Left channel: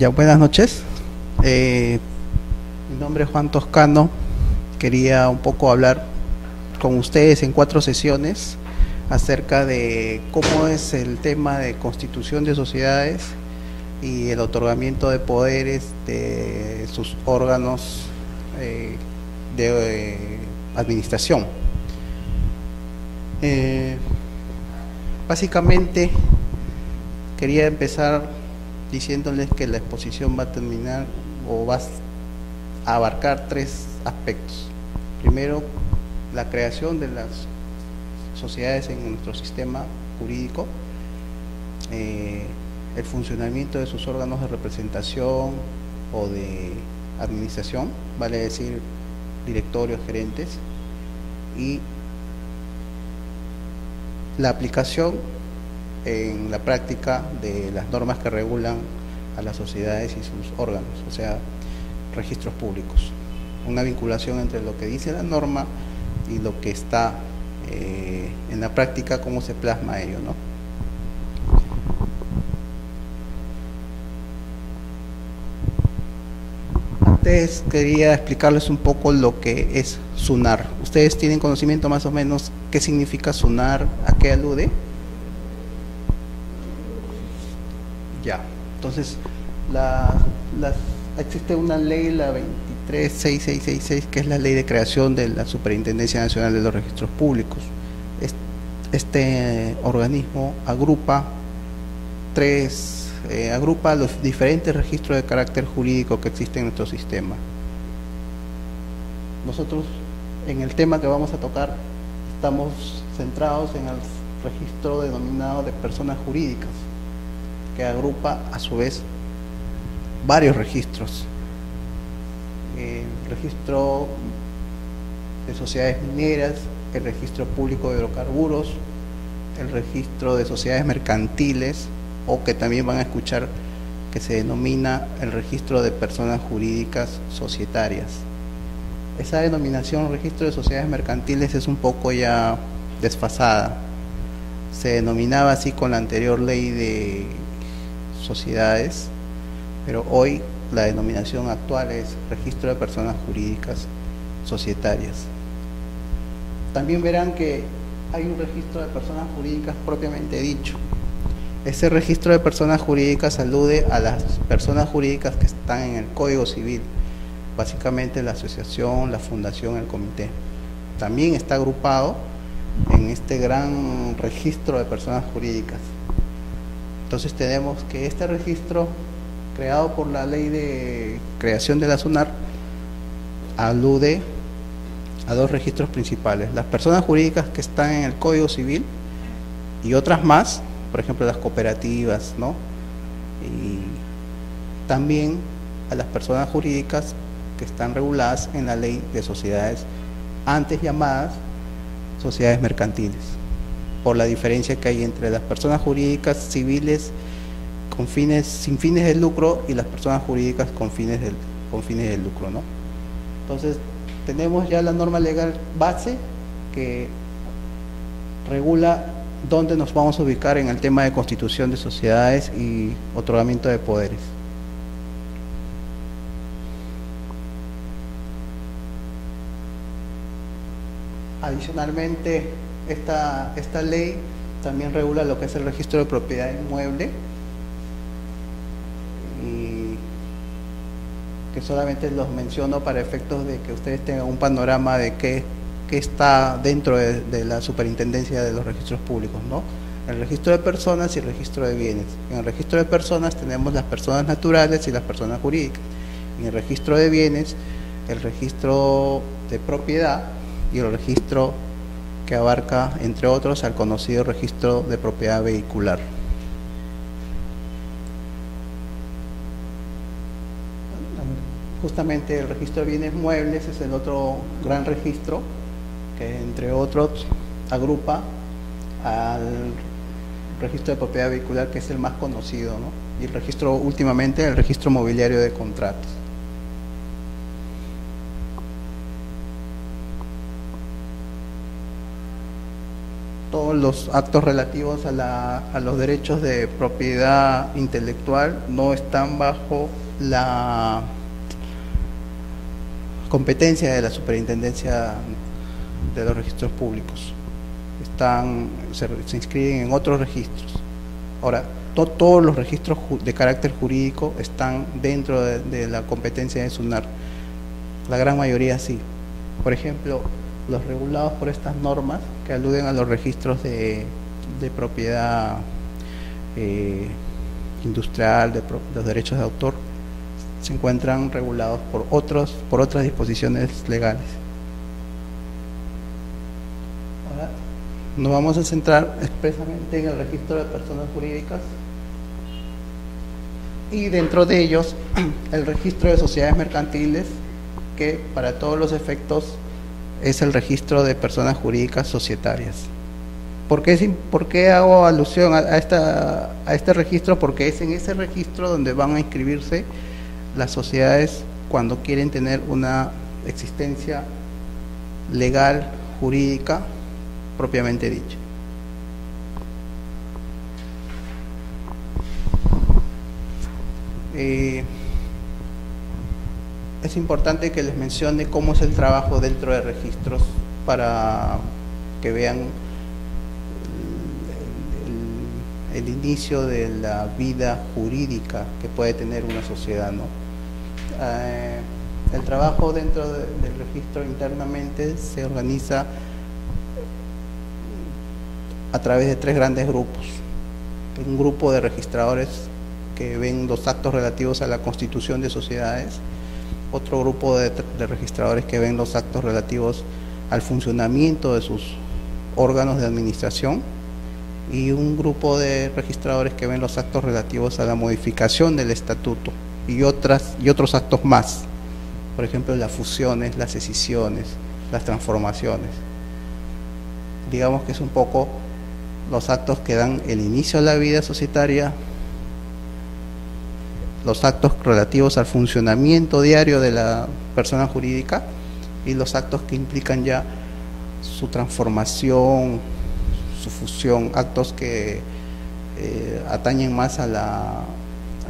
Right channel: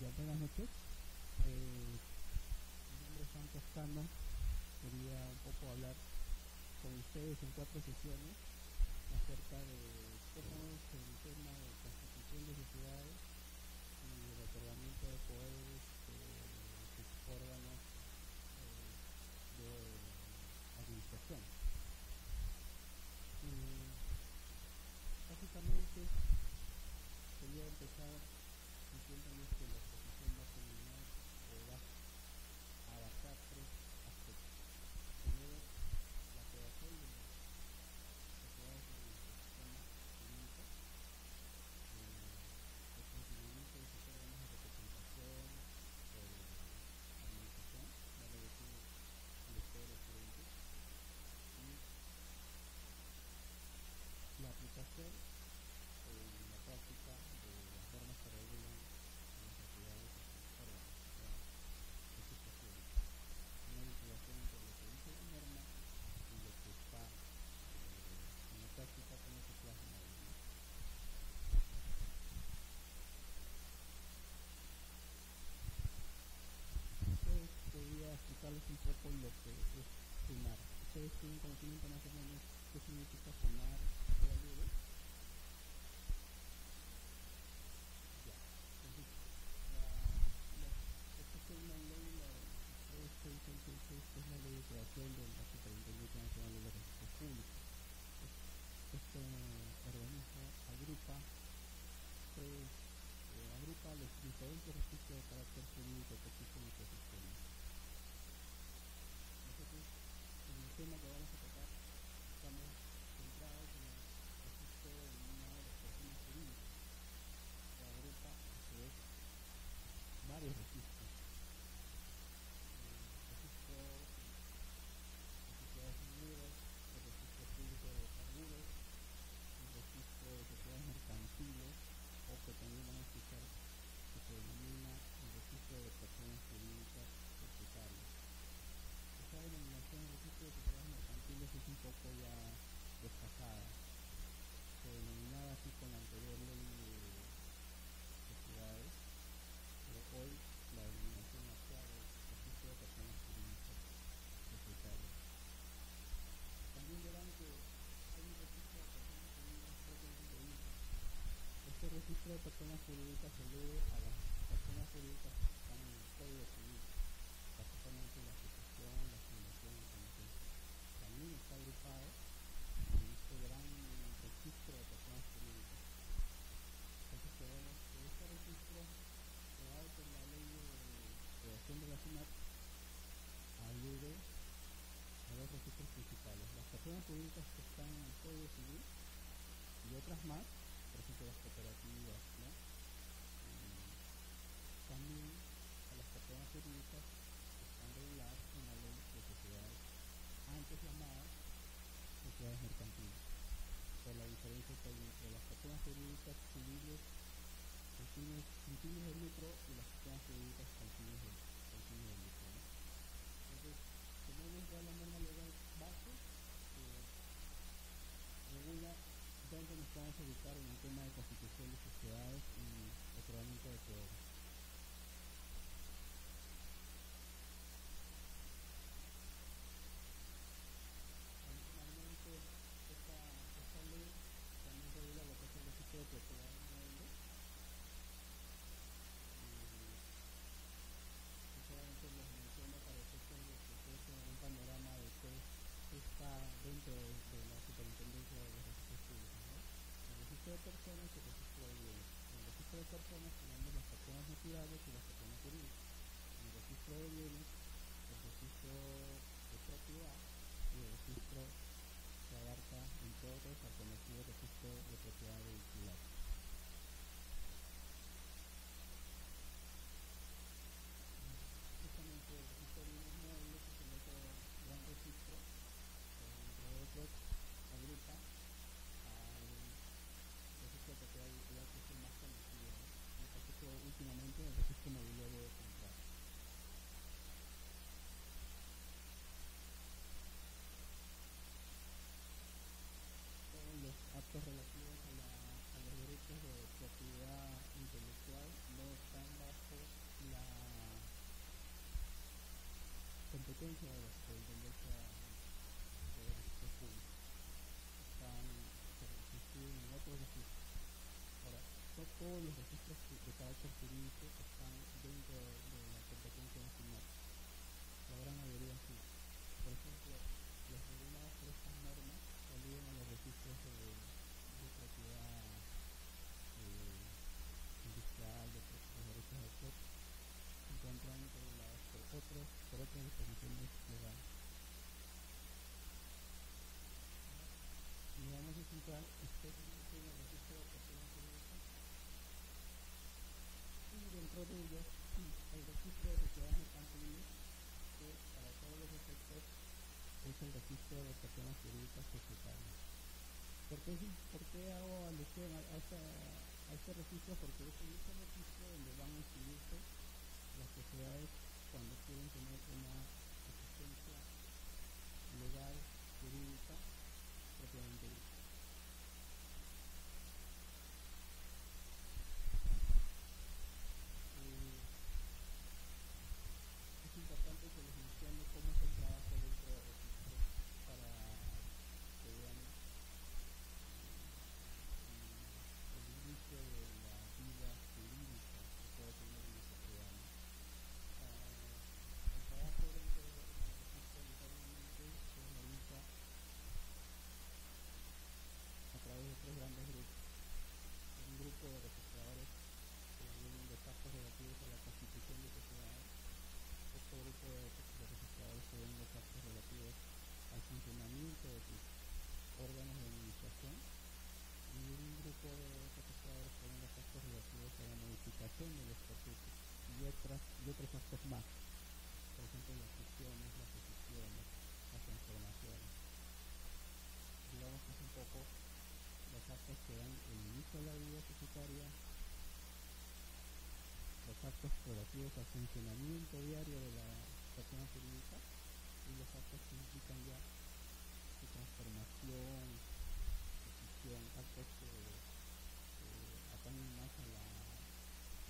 Ya, buenas noches. Mi nombre es Juan Toscano. Quería un poco hablar con ustedes en 4 sesiones acerca de cómo es el tema de constitución de sociedades y el otorgamiento de poderes de sus órganos de administración. Básicamente quería empezar diciéndoles que la exposición va a terminar o va a abarcar 3 aspectos. Primero, la creación de las sociedades en nuestro sistema jurídico, el funcionamiento de sus órganos de representación o de administración, vale decir directorios, gerentes, y la aplicación en la práctica de las normas que regulan a las sociedades y sus órganos, o sea, registros públicos. Una vinculación entre lo que dice la norma y lo que está en la práctica, cómo se plasma ello, ¿no? Antes quería explicarles un poco lo que es SUNAR. ¿Ustedes tienen conocimiento más o menos qué significa SUNAR, a qué alude? Ya, entonces existe una ley, la 236666, que es la ley de creación de la Superintendencia Nacional de los Registros Públicos. Este organismo agrupa los diferentes registros de carácter jurídico que existen en nuestro sistema. Nosotros, en el tema que vamos a tocar, estamos centrados en el registro denominado de personas jurídicas, que agrupa a su vez varios registros. El registro de sociedades mineras, el registro público de hidrocarburos, el registro de sociedades mercantiles, o que también van a escuchar que se denomina el registro de personas jurídicas societarias. Esa denominación, registro de sociedades mercantiles, es un poco ya desfasada. Se denominaba así con la anterior ley de sociedades, pero hoy la denominación actual es registro de personas jurídicas societarias. También verán que hay un registro de personas jurídicas propiamente dicho. Ese registro de personas jurídicas alude a las personas jurídicas que están en el Código Civil, básicamente la asociación, la fundación, el comité. También está agrupado en este gran registro de personas jurídicas. Entonces tenemos que este registro, creado por la ley de creación de la SUNAR, alude a 2 registros principales: las personas jurídicas que están en el Código Civil y otras más, por ejemplo las cooperativas, ¿no? Y también a las personas jurídicas que están reguladas en la ley de sociedades, antes llamadas sociedades mercantiles, por la diferencia que hay entre las personas jurídicas civiles sin fines de lucro y las personas jurídicas con fines de lucro, ¿no? Entonces tenemos ya la norma legal base que regula dónde nos vamos a ubicar en el tema de constitución de sociedades y otorgamiento de poderes. Adicionalmente, esta ley también regula lo que es el registro de propiedad inmueble, y que solamente los menciono para efectos de que ustedes tengan un panorama de qué está dentro de la superintendencia de los registros públicos, ¿no? El registro de personas y el registro de bienes. En el registro de personas tenemos las personas naturales y las personas jurídicas. En el registro de bienes, el registro de propiedad y el registro que abarca, entre otros, al conocido registro de propiedad vehicular. Justamente el registro de bienes muebles es el otro gran registro que, entre otros, agrupa al registro de propiedad vehicular, que es el más conocido, ¿no? Y el registro, últimamente, el registro mobiliario de contratos. todos los actos relativos a los derechos de propiedad intelectual no están bajo la competencia de la Superintendencia de los Registros Públicos. Se inscriben en otros registros. Ahora, todos los registros de carácter jurídico están dentro de la competencia de SUNAR. La gran mayoría sí. Por ejemplo, los regulados por estas normas que aluden a los registros de propiedad industrial, de los derechos de autor, se encuentran regulados por otras disposiciones legales. Ahora nos vamos a centrar expresamente en el registro de personas jurídicas y dentro de ellos el registro de sociedades mercantiles, que para todos los efectos es el registro de personas jurídicas societarias. ¿Por qué hago alusión a este registro? Porque es en ese registro donde van a inscribirse las sociedades cuando quieren tener una existencia legal, jurídica, propiamente dicha. Es importante que les mencione cómo es el trabajo dentro de registros para que vean el inicio de la vida jurídica que puede tener una sociedad, ¿no? El trabajo dentro del registro internamente se organiza a través de 3 grandes grupos. Un grupo de registradores que ven los actos relativos a la constitución de sociedades, otro grupo de registradores que ven los actos relativos al funcionamiento de sus órganos de administración, y un grupo de registradores que ven los actos relativos a la modificación del estatuto y otros actos más, por ejemplo las fusiones, las escisiones, las transformaciones. Digamos que es un poco los actos que dan el inicio a la vida societaria, los actos relativos al funcionamiento diario de la persona jurídica y los actos que implican ya su transformación, su fusión, actos que atañen más a la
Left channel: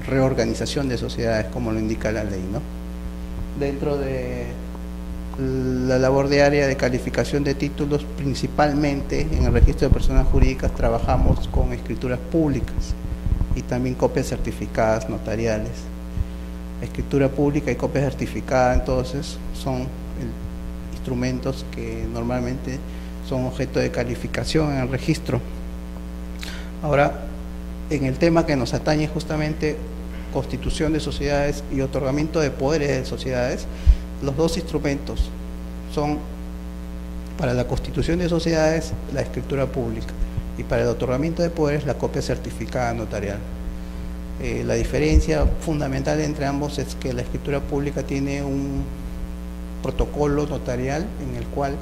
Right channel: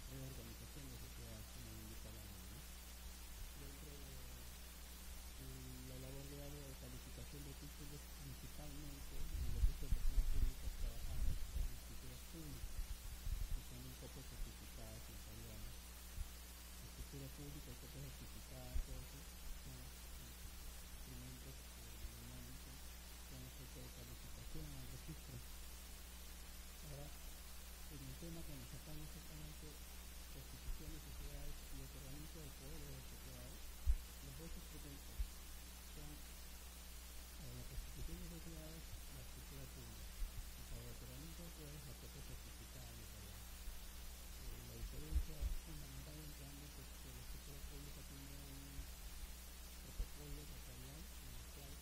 reorganización de sociedades, como lo indica la ley, ¿no? Dentro de la labor diaria de calificación de títulos, principalmente en el registro de personas jurídicas trabajamos con escrituras públicas y también copias certificadas notariales. Escritura pública y copia certificada, entonces, son instrumentos que normalmente son objeto de calificación en el registro. Ahora, en el tema que nos atañe justamente constitución de sociedades y otorgamiento de poderes de sociedades, los 2 instrumentos son, para la constitución de sociedades, la escritura pública, y para el otorgamiento de poderes, la copia certificada notarial. La diferencia fundamental entre ambos es que la escritura pública tiene un protocolo notarial en el cual,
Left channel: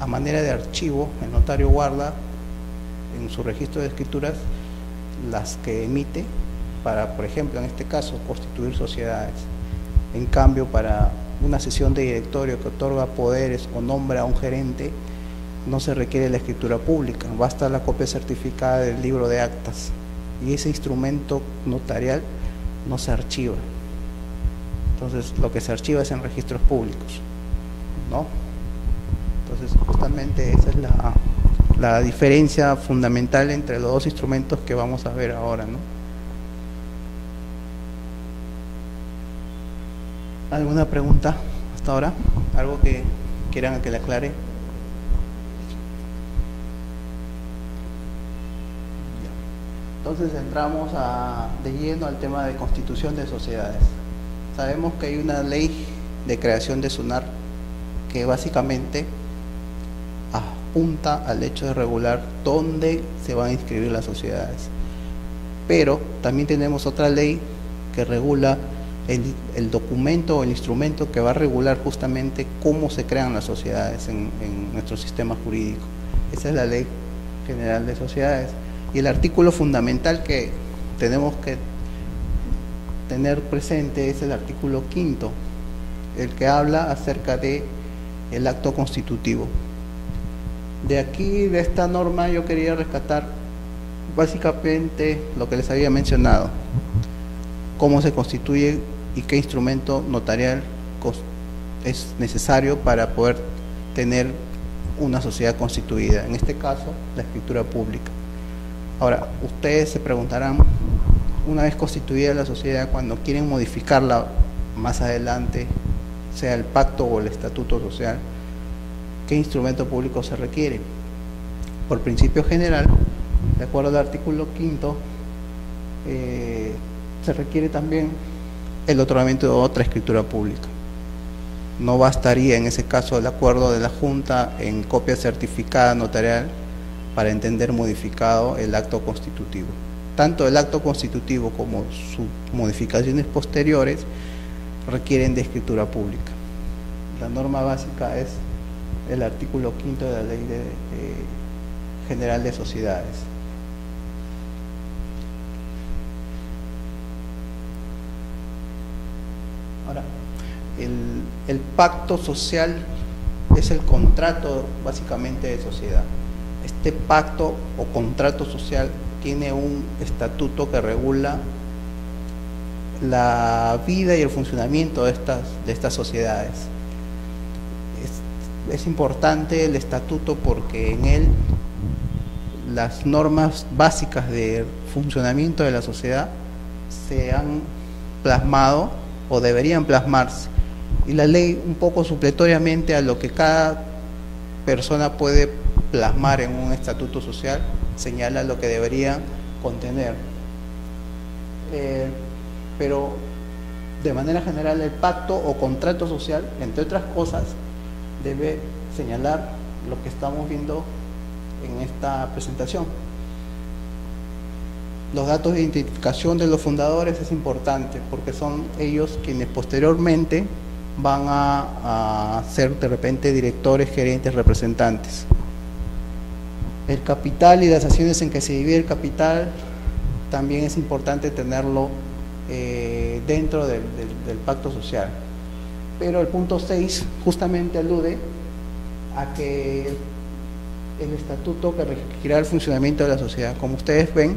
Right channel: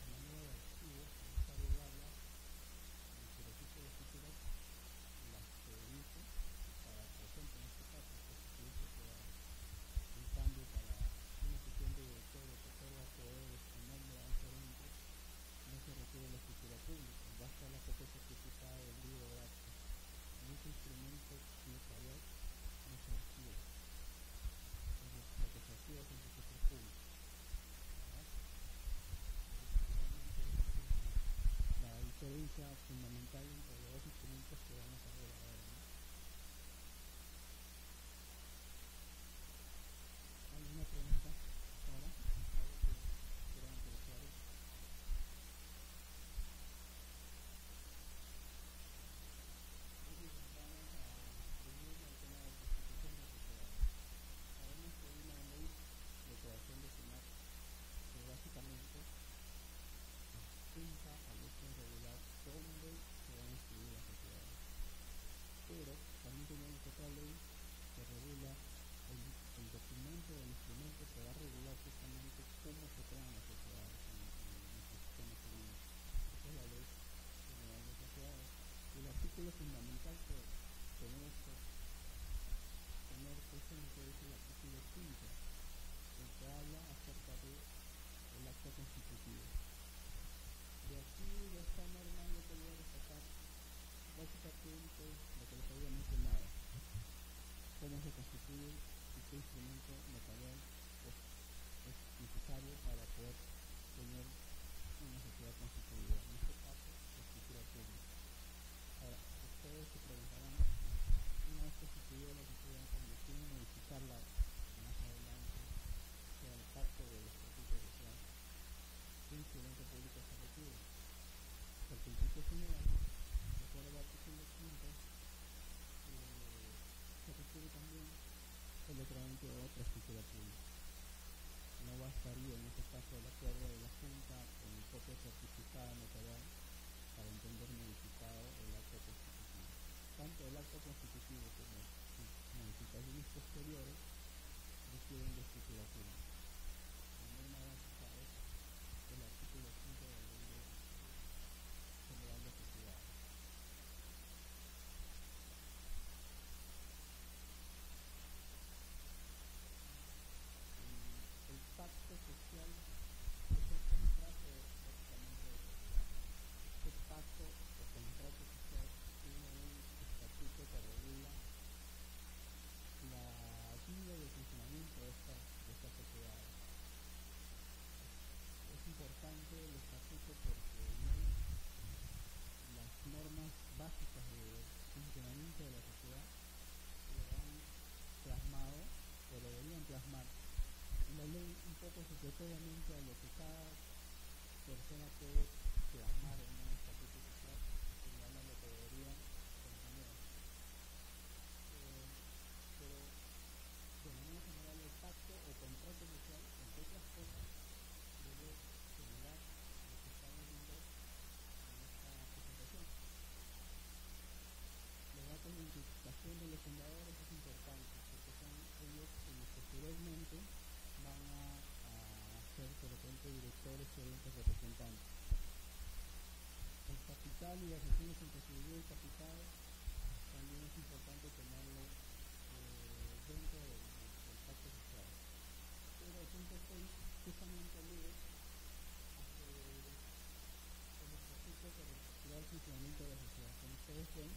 a manera de archivo, el notario guarda en su registro de escrituras las que emite para, por ejemplo, en este caso, constituir sociedades. En cambio, para una sesión de directorio que otorga poderes o nombra a un gerente, no se requiere la escritura pública, basta la copia certificada del libro de actas, y ese instrumento notarial no se archiva. Entonces, lo que se archiva es en registros públicos, ¿no? Entonces, justamente esa es la diferencia fundamental entre los 2 instrumentos que vamos a ver ahora, ¿no? ¿Alguna pregunta hasta ahora? ¿Algo que quieran que le aclare? Entonces entramos de lleno al tema de constitución de sociedades. Sabemos que hay una ley de creación de SUNAR que básicamente apunta al hecho de regular dónde se van a inscribir las sociedades. Pero también tenemos otra ley que regula el documento o el instrumento que va a regular justamente cómo se crean las sociedades en nuestro sistema jurídico. Esa es la Ley General de Sociedades. Y el artículo fundamental que tenemos que tener presente es el artículo 5º, el que habla acerca de el acto constitutivo. De aquí, de esta norma, yo quería rescatar básicamente lo que les había mencionado, cómo se constituye y qué instrumento notarial es necesario para poder tener una sociedad constituida, en este caso la escritura pública. Ahora, ustedes se preguntarán, una vez constituida la sociedad, cuando quieren modificarla más adelante, sea el pacto o el estatuto social, ¿qué instrumento público se requiere? Por principio general, de acuerdo al artículo 5, se requiere también el otorgamiento de otra escritura pública. No bastaría en ese caso el acuerdo de la Junta en copia certificada notarial para entender modificado el acto constitutivo. Tanto el acto constitutivo como sus modificaciones posteriores requieren de escritura pública. La norma básica es el artículo 5 de la Ley General de Sociedades. Ahora, el pacto social es el contrato básicamente de sociedad. Este pacto o contrato social tiene un estatuto que regula la vida y el funcionamiento de estas sociedades. Es importante el estatuto porque en él las normas básicas de funcionamiento de la sociedad se han plasmado o deberían plasmarse, y la ley, un poco supletoriamente a lo que cada persona puede plasmar en un estatuto social, señala lo que debería contener. Pero de manera general el pacto o contrato social, entre otras cosas, debe señalar lo que estamos viendo en esta presentación. Los datos de identificación de los fundadores es importante porque son ellos quienes posteriormente van a ser de repente directores, gerentes, representantes. El capital y las acciones en que se divide el capital también es importante tenerlo dentro del pacto social. Pero el punto 6 justamente alude a que el estatuto que regirá el funcionamiento de la sociedad. Como ustedes ven,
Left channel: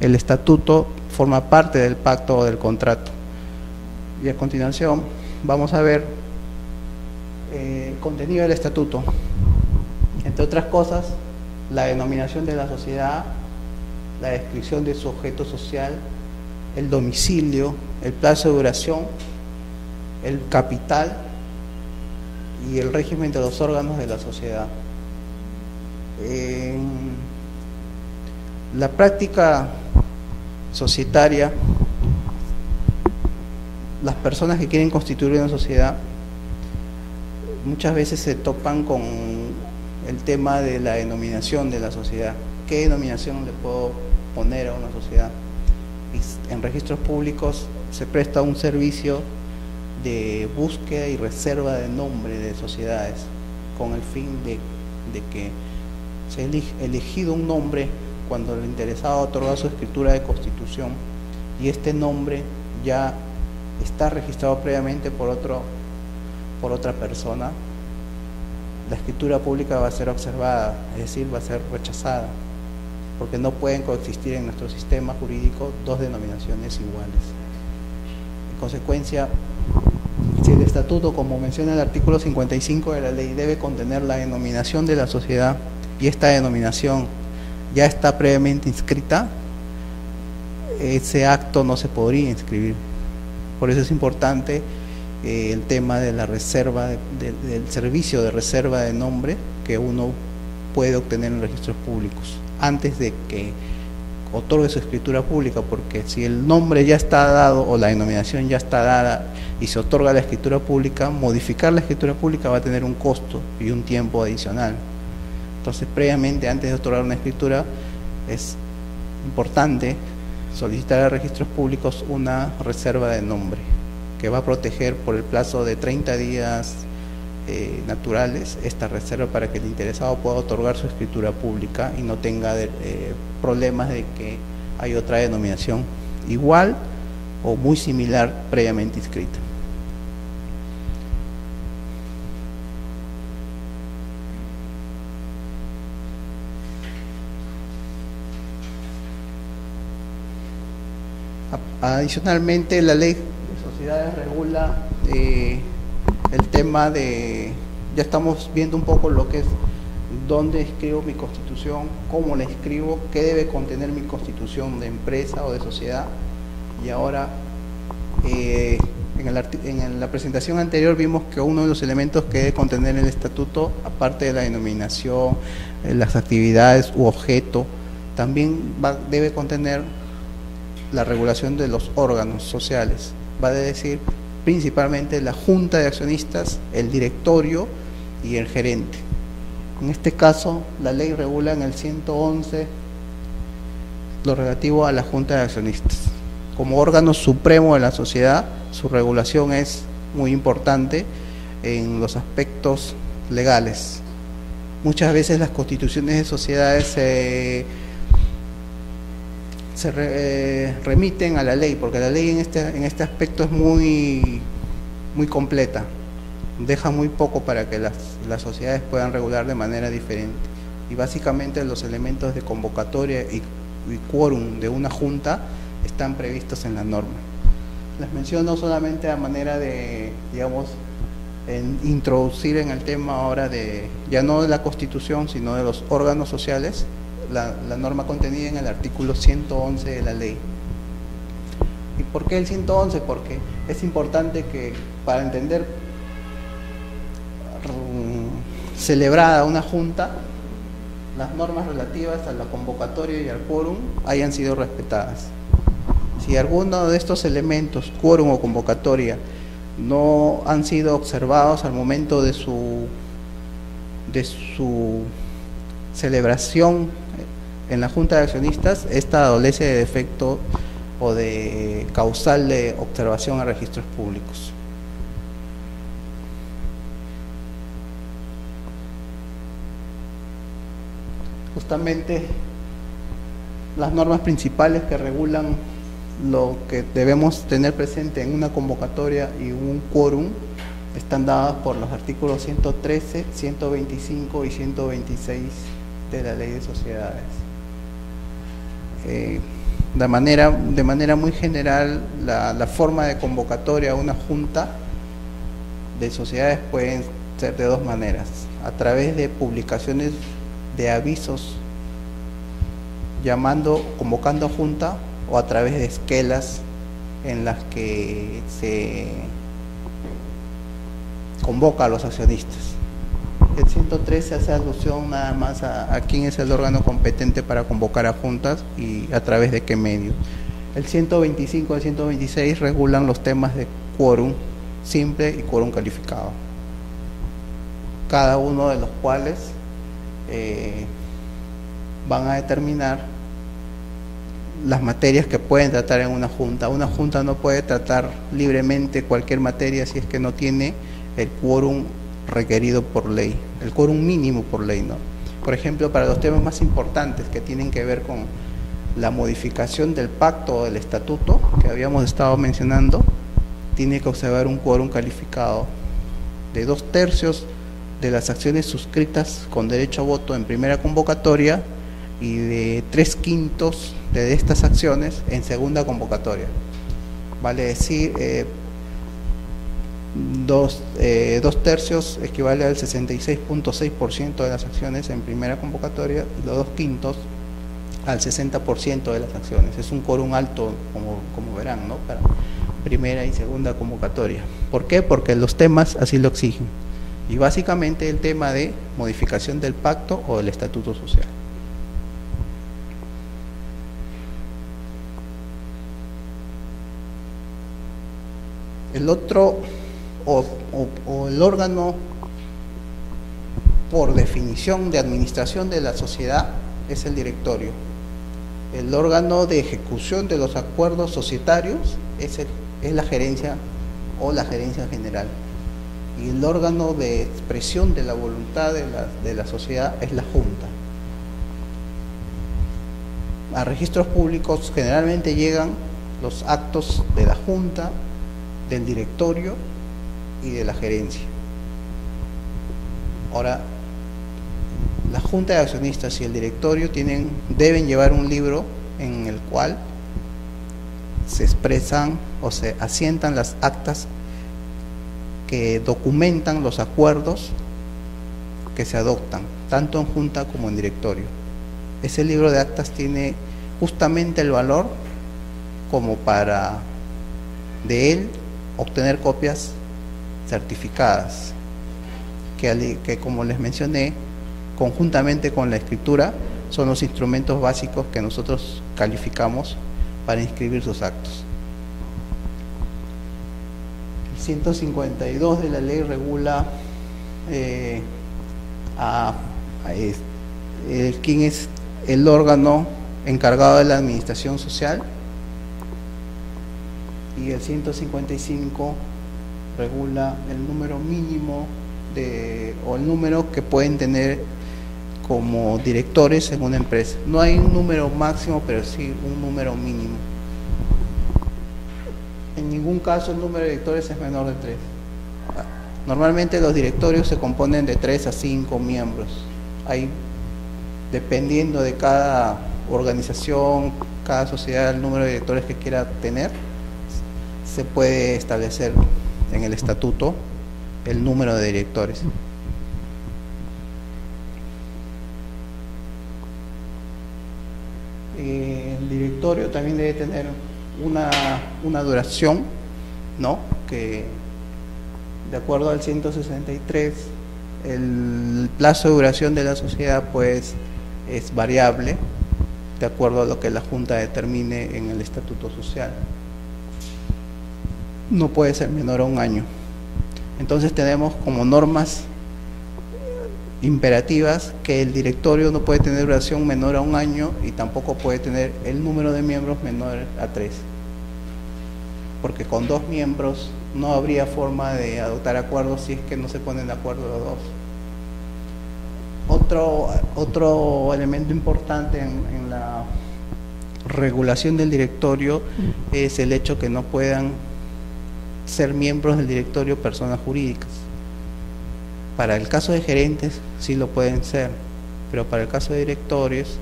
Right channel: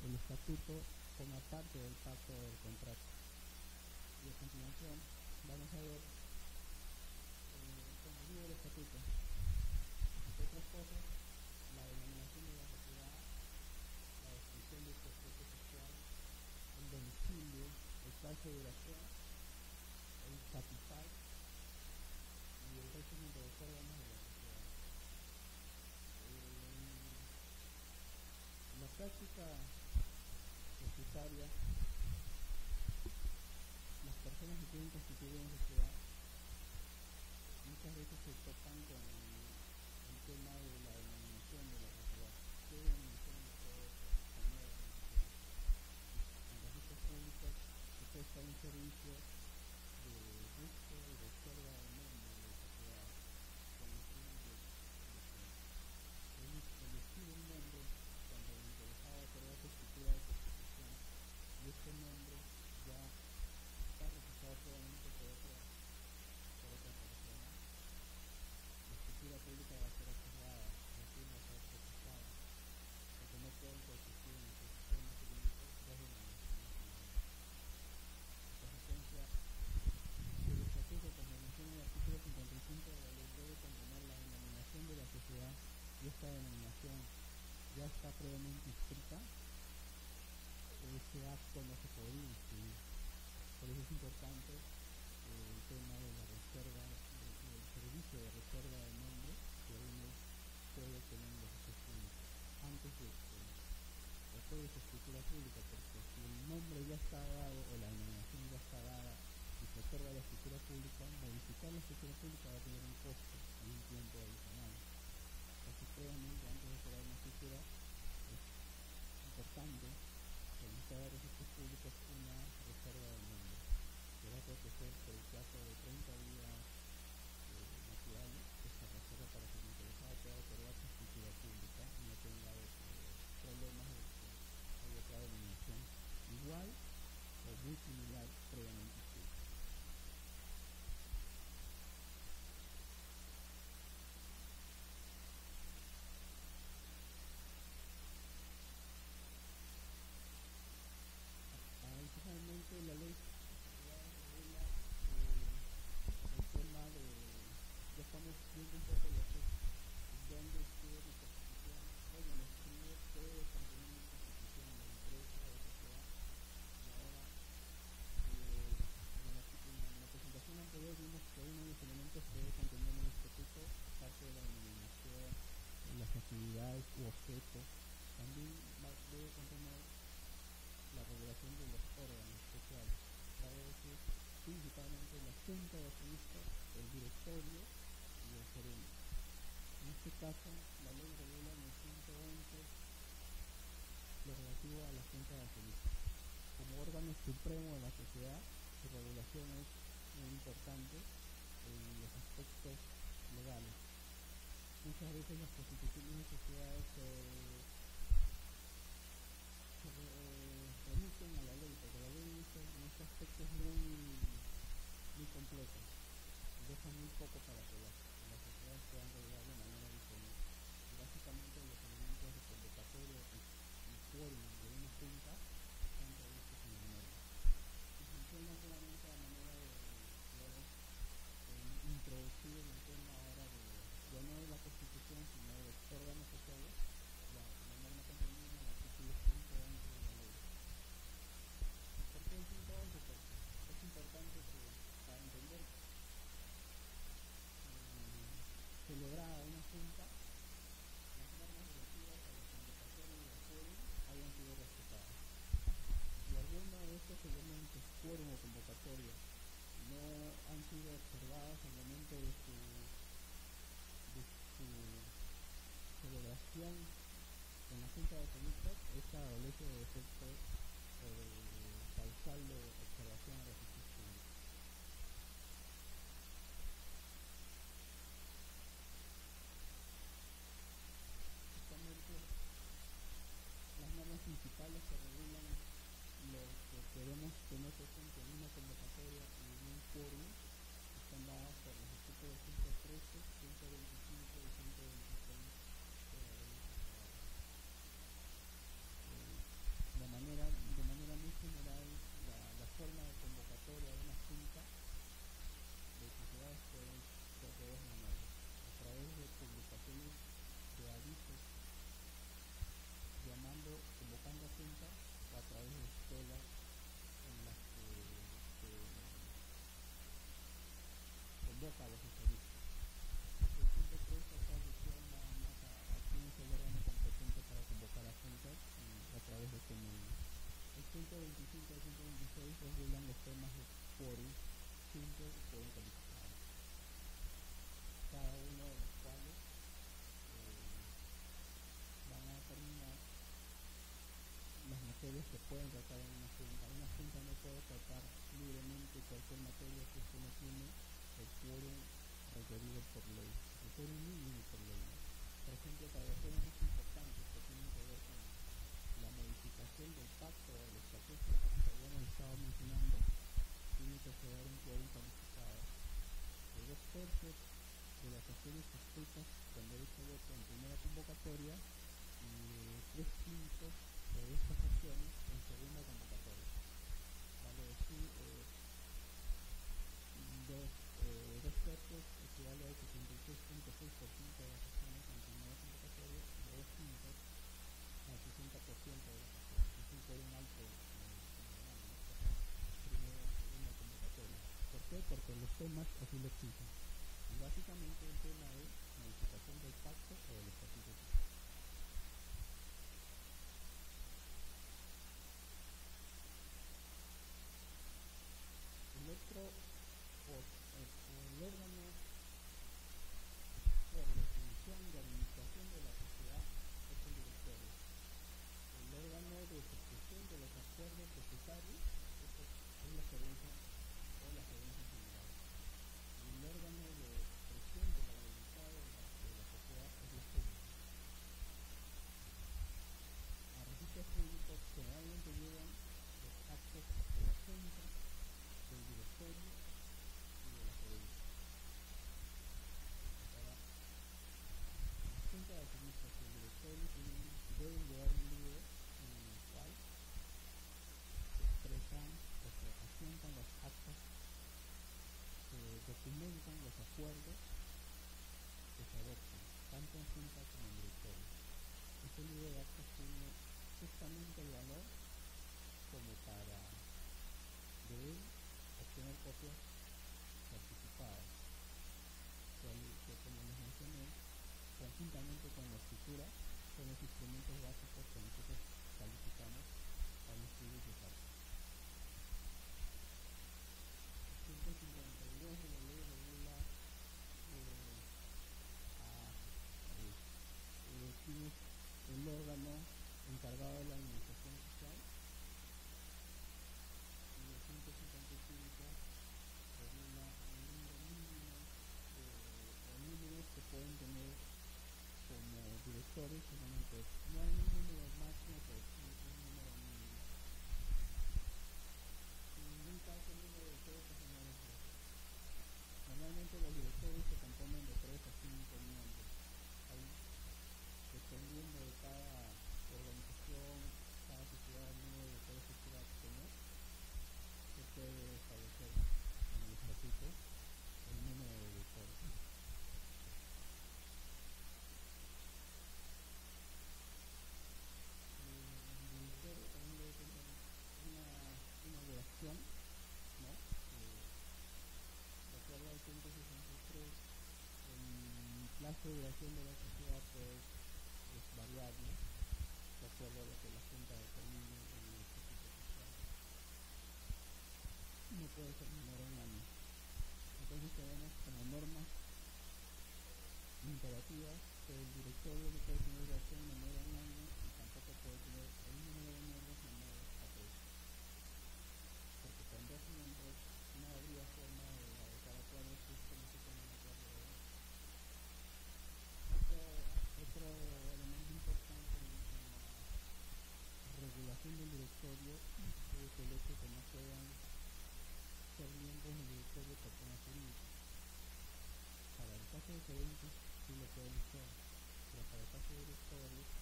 el estatuto forma parte del pacto o del contrato. Y a continuación vamos a ver el contenido del estatuto. Entre otras cosas, la denominación de la sociedad, la descripción de su objeto social, el domicilio, el plazo de duración, el capital y el régimen de los órganos de la sociedad. En la práctica societaria, las personas que quieren constituir una sociedad muchas veces se topan con el tema de la denominación de la sociedad. ¿Qué denominación le puedo poner a una sociedad? En registros públicos se presta un servicio de búsqueda y reserva de nombre de sociedades con el fin de que se ha elegido un nombre cuando el interesado otorga su escritura de constitución y este nombre ya está registrado previamente por otra persona, la escritura pública va a ser observada, es decir, va a ser rechazada, porque no pueden coexistir en nuestro sistema jurídico dos denominaciones iguales. En consecuencia, si el estatuto, como menciona el artículo 55 de la ley, debe contener la denominación de la sociedad y esta denominación ya está previamente inscrita, ese acto no se podría inscribir. Por eso es importante el tema de la reserva, del servicio de reserva de nombre que uno puede obtener en registros públicos antes de que otorgue su escritura pública, porque si el nombre ya está dado o la denominación ya está dada y se otorga la escritura pública, modificar la escritura pública va a tener un costo y un tiempo adicional. Entonces, previamente, antes de otorgar una escritura, es importante solicitar a registros públicos una reserva de nombre que va a proteger por el plazo de 30 días naturales esta reserva para que el interesado pueda otorgar su escritura pública y no tenga problemas de que hay otra denominación igual o muy similar previamente inscrita. Adicionalmente, la ley de sociedades regula el tema de, ya estamos viendo un poco lo que es dónde escribo mi constitución, cómo la escribo, qué debe contener mi constitución de empresa o de sociedad. Y ahora, en la presentación anterior vimos que uno de los elementos que debe contener el estatuto, aparte de la denominación, las actividades u objeto, también debe contener la regulación de los órganos sociales. Va a decir principalmente la junta de accionistas, el directorio y el gerente. En este caso, la ley regula en el 111 lo relativo a la junta de accionistas. Como órgano supremo de la sociedad, su regulación es muy importante en los aspectos legales. Muchas veces las constituciones de sociedades se remiten a la ley, porque la ley en este aspecto es muy completa, deja muy poco para que las sociedades puedan regular de manera diferente. Y básicamente los elementos de convocatoria y quórum de una junta están previstos en la norma. Les menciono solamente a manera de, digamos, introducir en el tema ahora de, ya no de la Constitución, sino de los órganos sociales, la norma contenida en el artículo 111 de la ley. ¿Y por qué el 111? Porque es importante que, para entender celebrada una junta, las normas relativas a la convocatoria y al quórum hayan sido respetadas. Si alguno de estos elementos, quórum o convocatoria, no han sido observados al momento de su celebración en la Junta de Accionistas, esta adolece de defecto o de causal de observación a registros públicos. Justamente las normas principales que regulan lo que debemos tener presente en una convocatoria y un quórum están dadas por los artículos 113, 125 y 126 de la Ley de Sociedades. De manera muy general, la forma de convocatoria a una junta de sociedades pueden ser de dos maneras: a través de publicaciones de avisos convocando a junta, o a través de esquelas en las que se convoca a los accionistas. El 113 hace alusión nada más a quién es el órgano competente para convocar a juntas y a través de qué medios. El 125 y el 126 regulan los temas de quórum simple y quórum calificado, cada uno de los cuales van a determinar las materias que pueden tratar en una junta. Una junta no puede tratar libremente cualquier materia si es que no tiene el quórum requerido por ley, el quórum mínimo por ley, ¿no? Por ejemplo, para los temas más importantes que tienen que ver con la modificación del pacto o del estatuto que habíamos estado mencionando, tiene que observar un quórum calificado de 2/3 de las acciones suscritas con derecho a voto en primera convocatoria y de 3/5 de estas acciones en segunda convocatoria. Vale decir, 2/3 equivale al 66.6% de las acciones en primera convocatoria y los 2/5 al 60% de las acciones. Es un quórum alto, como verán, ¿no?, para primera y segunda convocatoria. ¿Por qué? Porque los temas así lo exigen. Y básicamente el tema de modificación del pacto o del estatuto social. El otro, o el órgano por definición de administración de la sociedad, es el directorio. El órgano de ejecución de los acuerdos societarios es la gerencia o la gerencia general. Y el órgano de expresión de la voluntad de la sociedad es la junta. A registros públicos generalmente llegan los actos de la junta, del directorio y de la gerencia. Ahora, la junta de accionistas y el directorio deben llevar un libro en el cual se expresan o se asientan las actas que documentan los acuerdos que se adoptan, tanto en junta como en directorio. Ese libro de actas tiene justamente el valor como para de él obtener copias certificadas, que como les mencioné, conjuntamente con la escritura, son los instrumentos básicos que nosotros calificamos para inscribir sus actos. El 152 de la ley regula quién es el órgano encargado de la administración social, y el 155 regula el número mínimo o el número que pueden tener como directores en una empresa. No hay un número máximo, pero sí un número mínimo. En ningún caso el número de directores es menor de 3. Normalmente los directorios se componen de 3 a 5 miembros. Hay, dependiendo de cada organización, cada sociedad, el número de directores que quiera tener, se puede establecer en el estatuto el número de directores. El directorio también debe tener una duración, ¿no? Que de acuerdo al 163, el plazo de duración de la sociedad pues es variable de acuerdo a lo que la Junta determine en el estatuto social. No puede ser menor a 1 año. Entonces tenemos como normas imperativas que el directorio no puede tener duración menor a 1 año y tampoco puede tener el número de miembros menor a 3, porque con 2 miembros no habría forma de adoptar acuerdos si es que no se ponen de acuerdo los dos. Otro elemento importante en la regulación del directorio es el hecho que no puedan ser miembros del directorio personas jurídicas. Para el caso de gerentes sí lo pueden ser, pero para el caso de directorios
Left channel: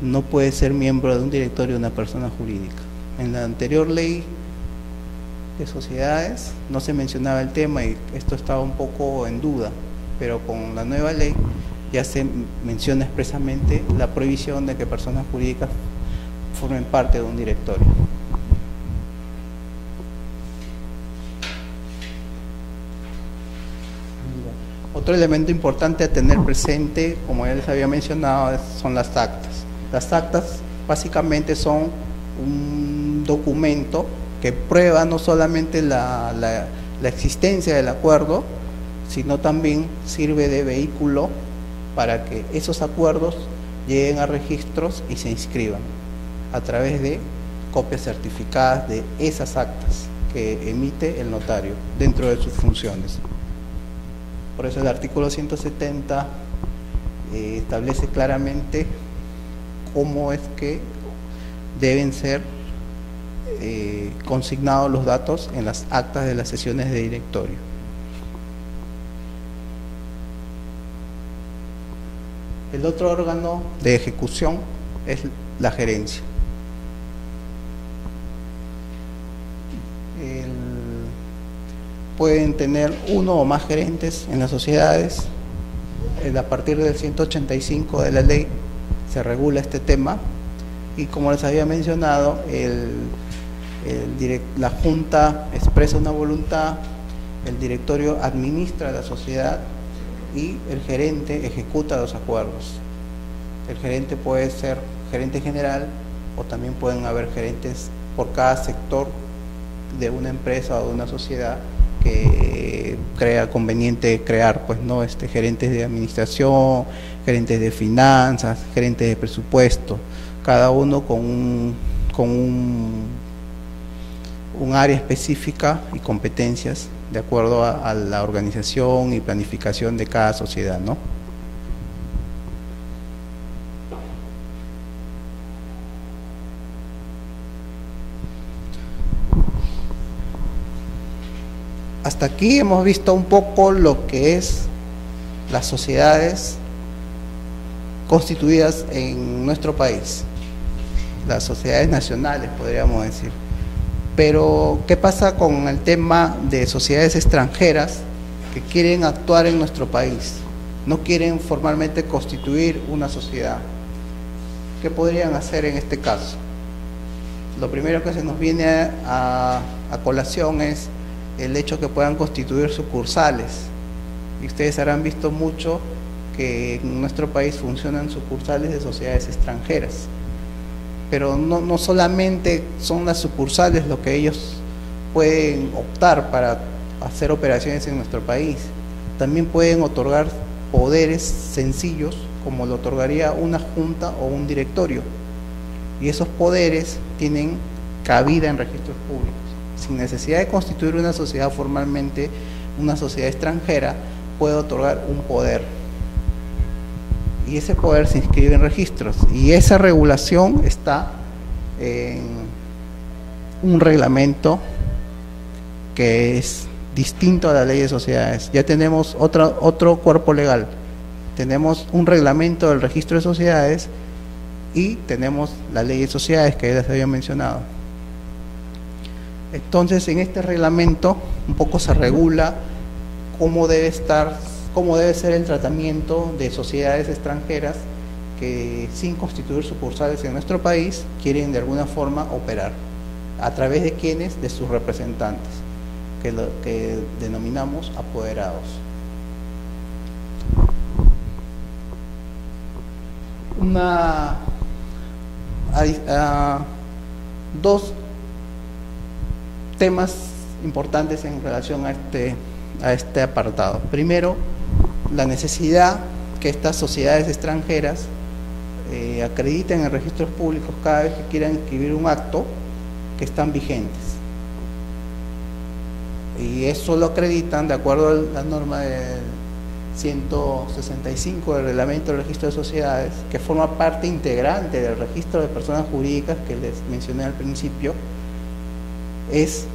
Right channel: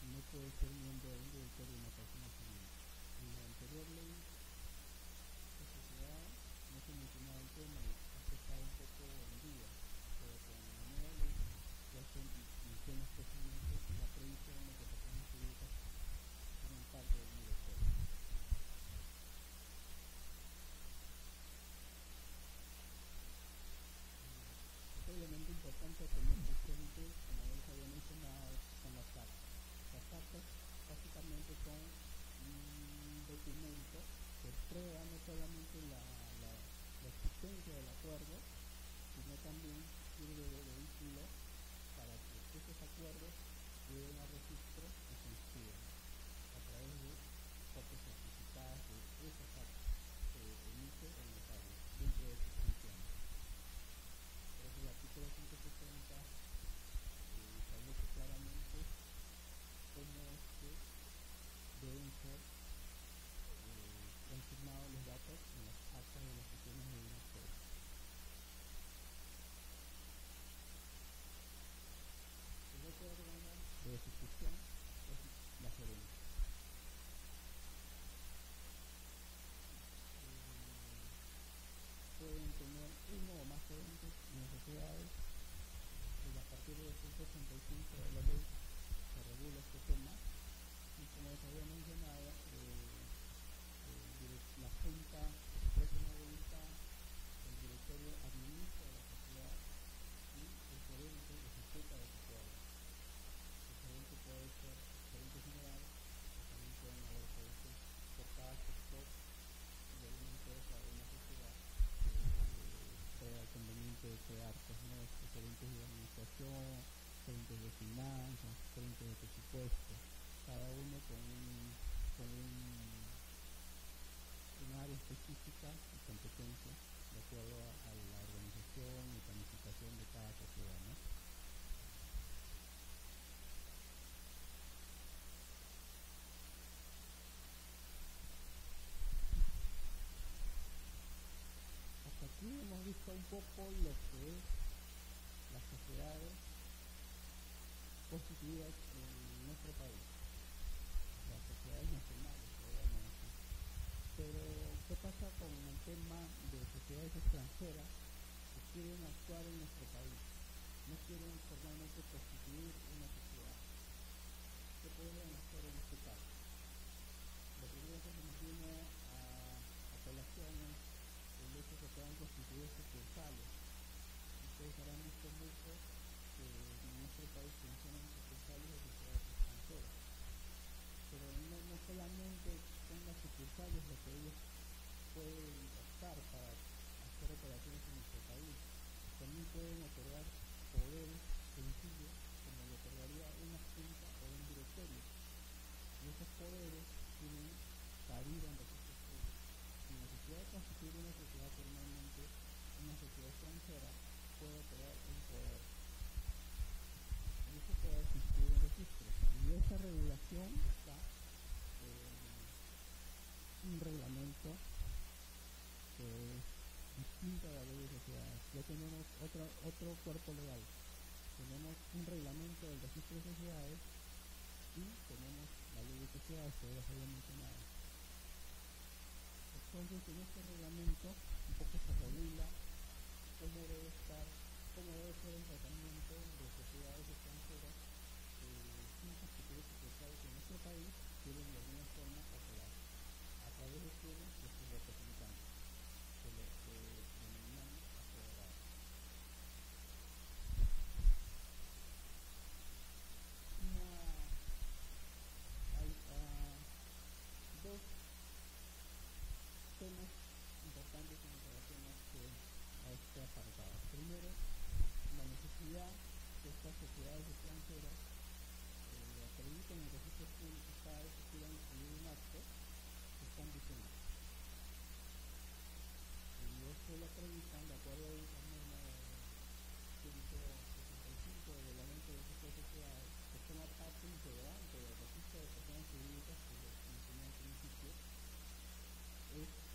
no puede ser miembro de un directorio una persona jurídica. En la anterior ley de sociedades no se mencionaba el tema y esto estaba un poco en duda, pero con la nueva ley ya se menciona expresamente la prohibición de que personas jurídicas formen parte de un directorio. Otro elemento importante a tener presente, como ya les había mencionado, son las actas. Las actas básicamente son un documento que prueba no solamente la existencia del acuerdo, sino también sirve de vehículo para que esos acuerdos lleguen a registros y se inscriban a través de copias certificadas de esas actas que emite el notario dentro de sus funciones. Por eso el artículo 170 establece claramente cómo es que deben ser consignados los datos en las actas de las sesiones de directorio. El otro órgano de ejecución es la gerencia. Pueden tener 1 o más gerentes en las sociedades. A partir del 185 de la ley se regula este tema y, como les había mencionado, la Junta expresa una voluntad, el directorio administra la sociedad y el gerente ejecuta los acuerdos. El gerente puede ser gerente general o también pueden haber gerentes por cada sector de una empresa o de una sociedad que crea conveniente crear, pues, ¿no? Gerentes de administración, gerentes de finanzas, gerentes de presupuesto, cada uno con un área específica y competencias de acuerdo a la organización y planificación de cada sociedad, ¿no? Hasta aquí hemos visto un poco lo que es las sociedades constituidas en nuestro país, las sociedades nacionales, podríamos decir. Pero, ¿qué pasa con el tema de sociedades extranjeras que quieren actuar en nuestro país? No quieren formalmente constituir una sociedad. ¿Qué podrían hacer en este caso? Lo primero que se nos viene a colación es el hecho que puedan constituir sucursales. Y ustedes habrán visto mucho que en nuestro país funcionan sucursales de sociedades extranjeras. Pero no solamente son las sucursales lo que ellos pueden optar para hacer operaciones en nuestro país, también pueden otorgar poderes sencillos como lo otorgaría una junta o un directorio, y esos poderes tienen cabida en registros públicos, sin necesidad de constituir una sociedad formalmente. Una sociedad extranjera puede otorgar un poder, y ese poder se inscribe en registros, y esa regulación está en un reglamento que es distinto a la ley de sociedades. Ya tenemos otro cuerpo legal, tenemos un reglamento del registro de sociedades y tenemos la ley de sociedades que ya les había mencionado. Entonces, en este reglamento un poco se regula cómo debe ser el tratamiento de sociedades extranjeras que, sin constituir sucursales en nuestro país, quieren de alguna forma operar. ¿A través de quiénes? De sus representantes, que denominamos apoderados. Dos temas importantes en relación a este apartado. Primero, la necesidad que estas sociedades extranjeras acrediten en registros públicos cada vez que quieran inscribir un acto que están vigentes. Y eso lo acreditan de acuerdo a la norma del 165 del reglamento del registro de sociedades, que forma parte integrante del registro de personas jurídicas que les mencioné al principio. Es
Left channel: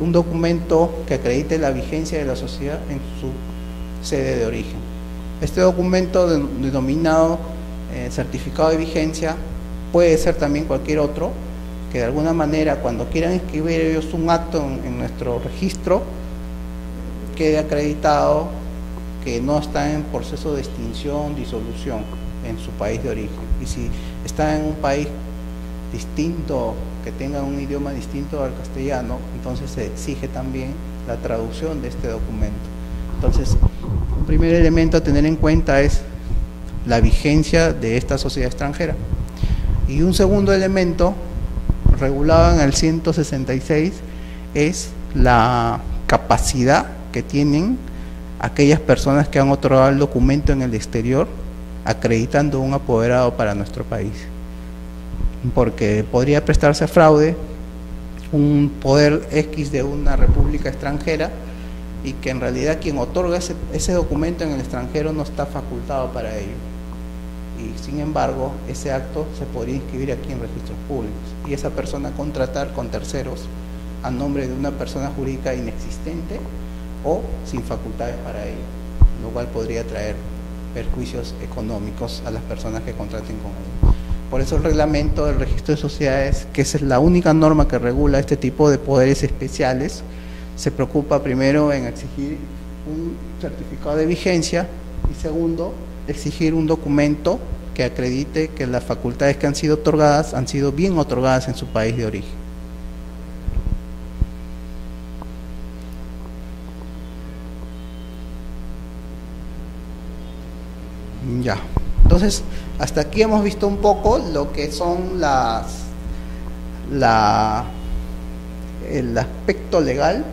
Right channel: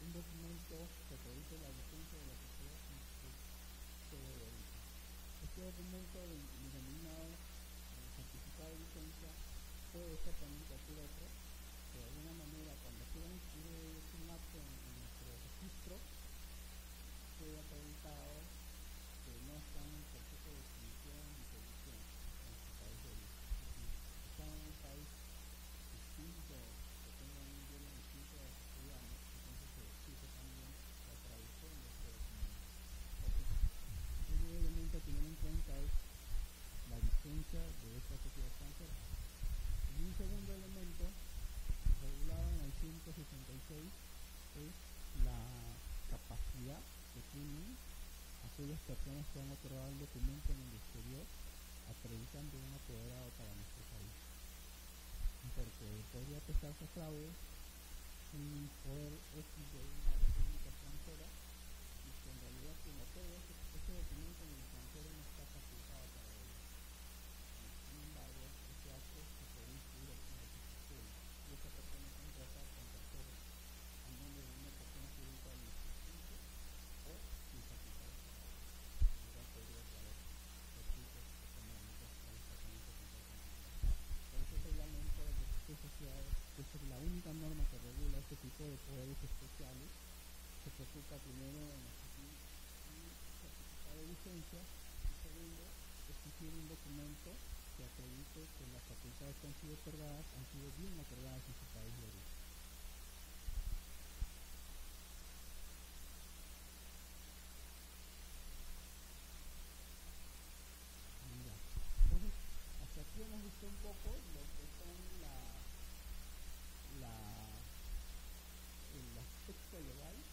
un documento que acredite la vigencia de la sociedad en su sede de origen. Este documento denominado certificado de vigencia puede ser también cualquier otro, que de alguna manera cuando quieran inscribir ellos un acto en nuestro registro, quede acreditado que no está en proceso de extinción, disolución en su país de origen. Y si está en un país distinto, que tenga un idioma distinto al castellano, entonces se exige también la traducción de este documento. Entonces, un primer elemento a tener en cuenta es la vigencia de esta sociedad extranjera. Y un segundo elemento, regulado en el 166, es la capacidad que tienen aquellas personas que han otorgado el documento en el exterior, acreditando un apoderado para nuestro país. Porque podría prestarse a fraude un poder X de una república extranjera, y que en realidad quien otorga ese documento en el extranjero no está facultado para ello, y sin embargo ese acto se podría inscribir aquí en registros públicos, y esa persona contratar con terceros a nombre de una persona jurídica inexistente o sin facultades para ello, lo cual podría traer perjuicios económicos a las personas que contraten con ello. Por eso el reglamento del registro de sociedades, que esa es la única norma que regula este tipo de poderes especiales, se preocupa primero en exigir un certificado de vigencia, y segundo, exigir un documento que acredite que las facultades que han sido otorgadas han sido bien otorgadas en su país de origen. Ya, entonces hasta aquí hemos visto un poco lo que son el aspecto legal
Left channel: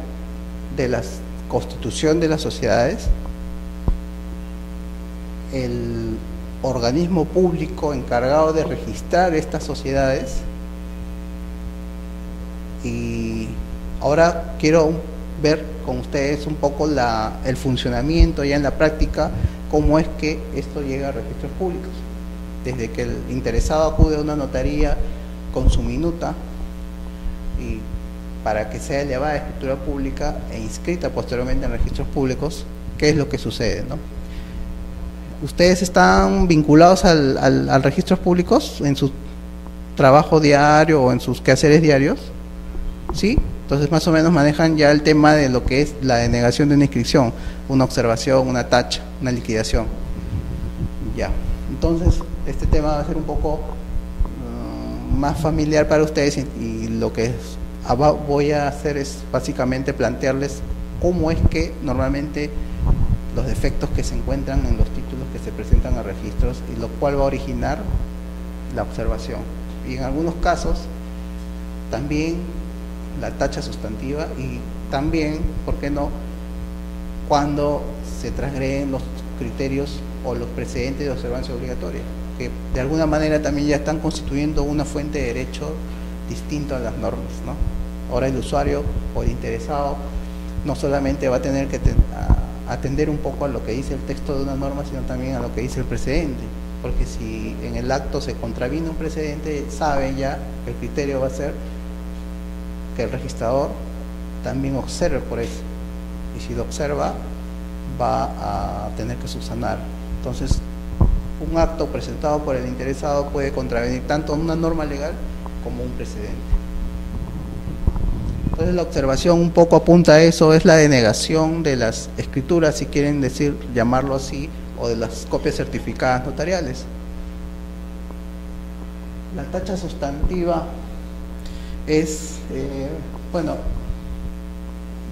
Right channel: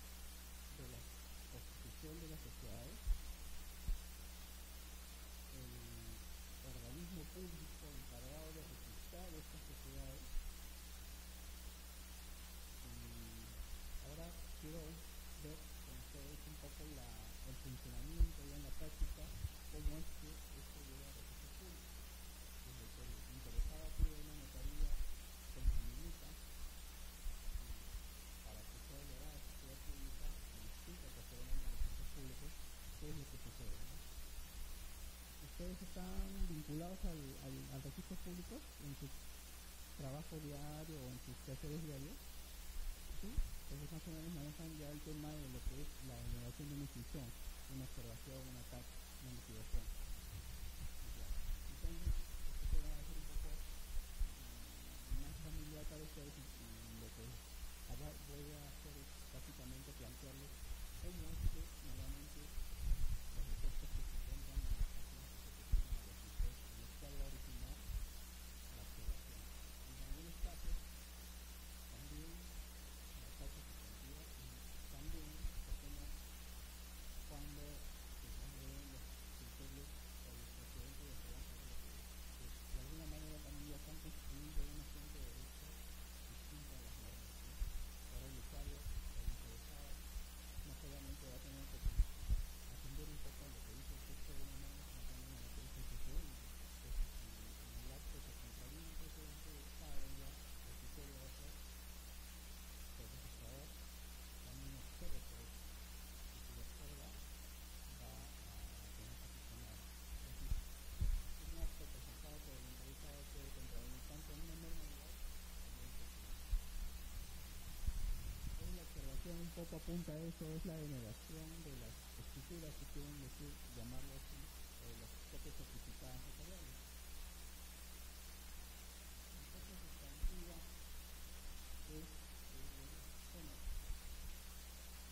de la constitución de las sociedades, el organismo público encargado de registrar estas sociedades, y ahora quiero ver con ustedes un poco el funcionamiento ya en la práctica, cómo es que esto llega a registros públicos. Desde que el interesado acude a una notaría con su minuta y para que sea elevada a escritura pública e inscrita posteriormente en registros públicos, ¿qué es lo que sucede, no? ¿Ustedes están vinculados al registros públicos en su trabajo diario o en sus quehaceres diarios? ¿sí? Entonces más o menos manejan ya el tema de lo que es la denegación de una inscripción, una observación, una tacha, una liquidación. Ya, entonces este tema va a ser un poco más familiar para ustedes y lo que voy a hacer es básicamente plantearles cómo es que normalmente los defectos que se encuentran en los títulos que se presentan a registros y lo cual va a originar la observación. Y en algunos casos también la tacha sustantiva y también, ¿por qué no?, cuando se transgreden los criterios o los precedentes de observancia obligatoria, que de alguna manera también ya están constituyendo una fuente de derecho distinto a las normas, ¿no? Ahora el usuario o el interesado no solamente va a tener que atender un poco a lo que dice el texto de una norma, sino también a lo que dice el precedente, porque si en el acto se contraviene un precedente, sabe ya que el criterio va a ser que el registrador también observe por eso, y si lo observa va a tener que subsanar. Entonces un acto presentado por el interesado puede contravenir tanto una norma legal como un precedente. Entonces la observación un poco apunta a eso, es la denegación de las escrituras, si quieren decir, llamarlo así, o de las copias certificadas notariales. La tacha sustantiva es,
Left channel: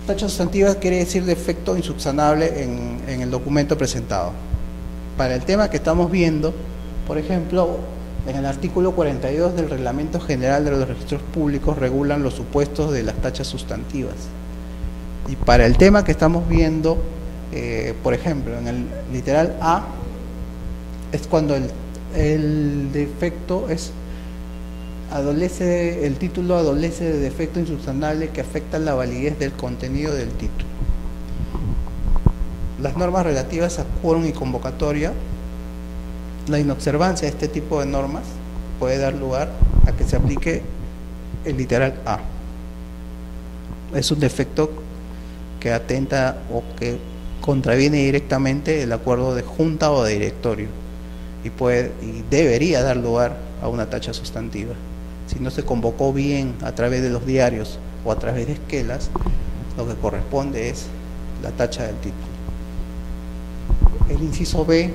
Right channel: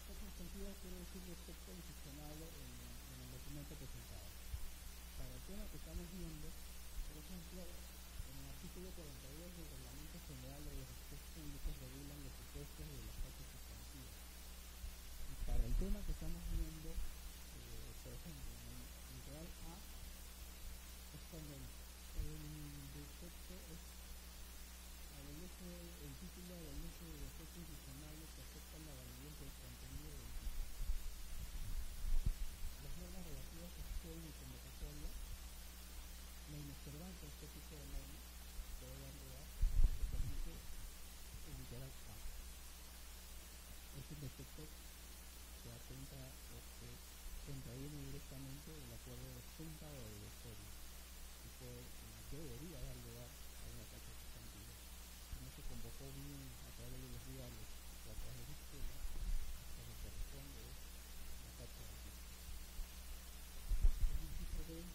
tacha sustantiva quiere decir defecto insubsanable en el documento presentado. Para el tema que estamos viendo, por ejemplo, en el artículo 42 del Reglamento General de los Registros Públicos regulan los supuestos de las tachas sustantivas. Y para el tema que estamos viendo, por ejemplo, en el literal A, es cuando el defecto el título adolece de defecto insubsanable que afecta la validez del contenido del título. Las normas relativas a quórum y convocatoria, la inobservancia de este tipo de normas puede dar lugar a que se aplique el literal A. Es un defecto que atenta o que contraviene directamente el acuerdo de junta o de directorio y debería dar lugar a una tacha sustantiva. Si no se convocó bien a través de los diarios o a través de esquelas, lo que corresponde es la tacha del título. El inciso B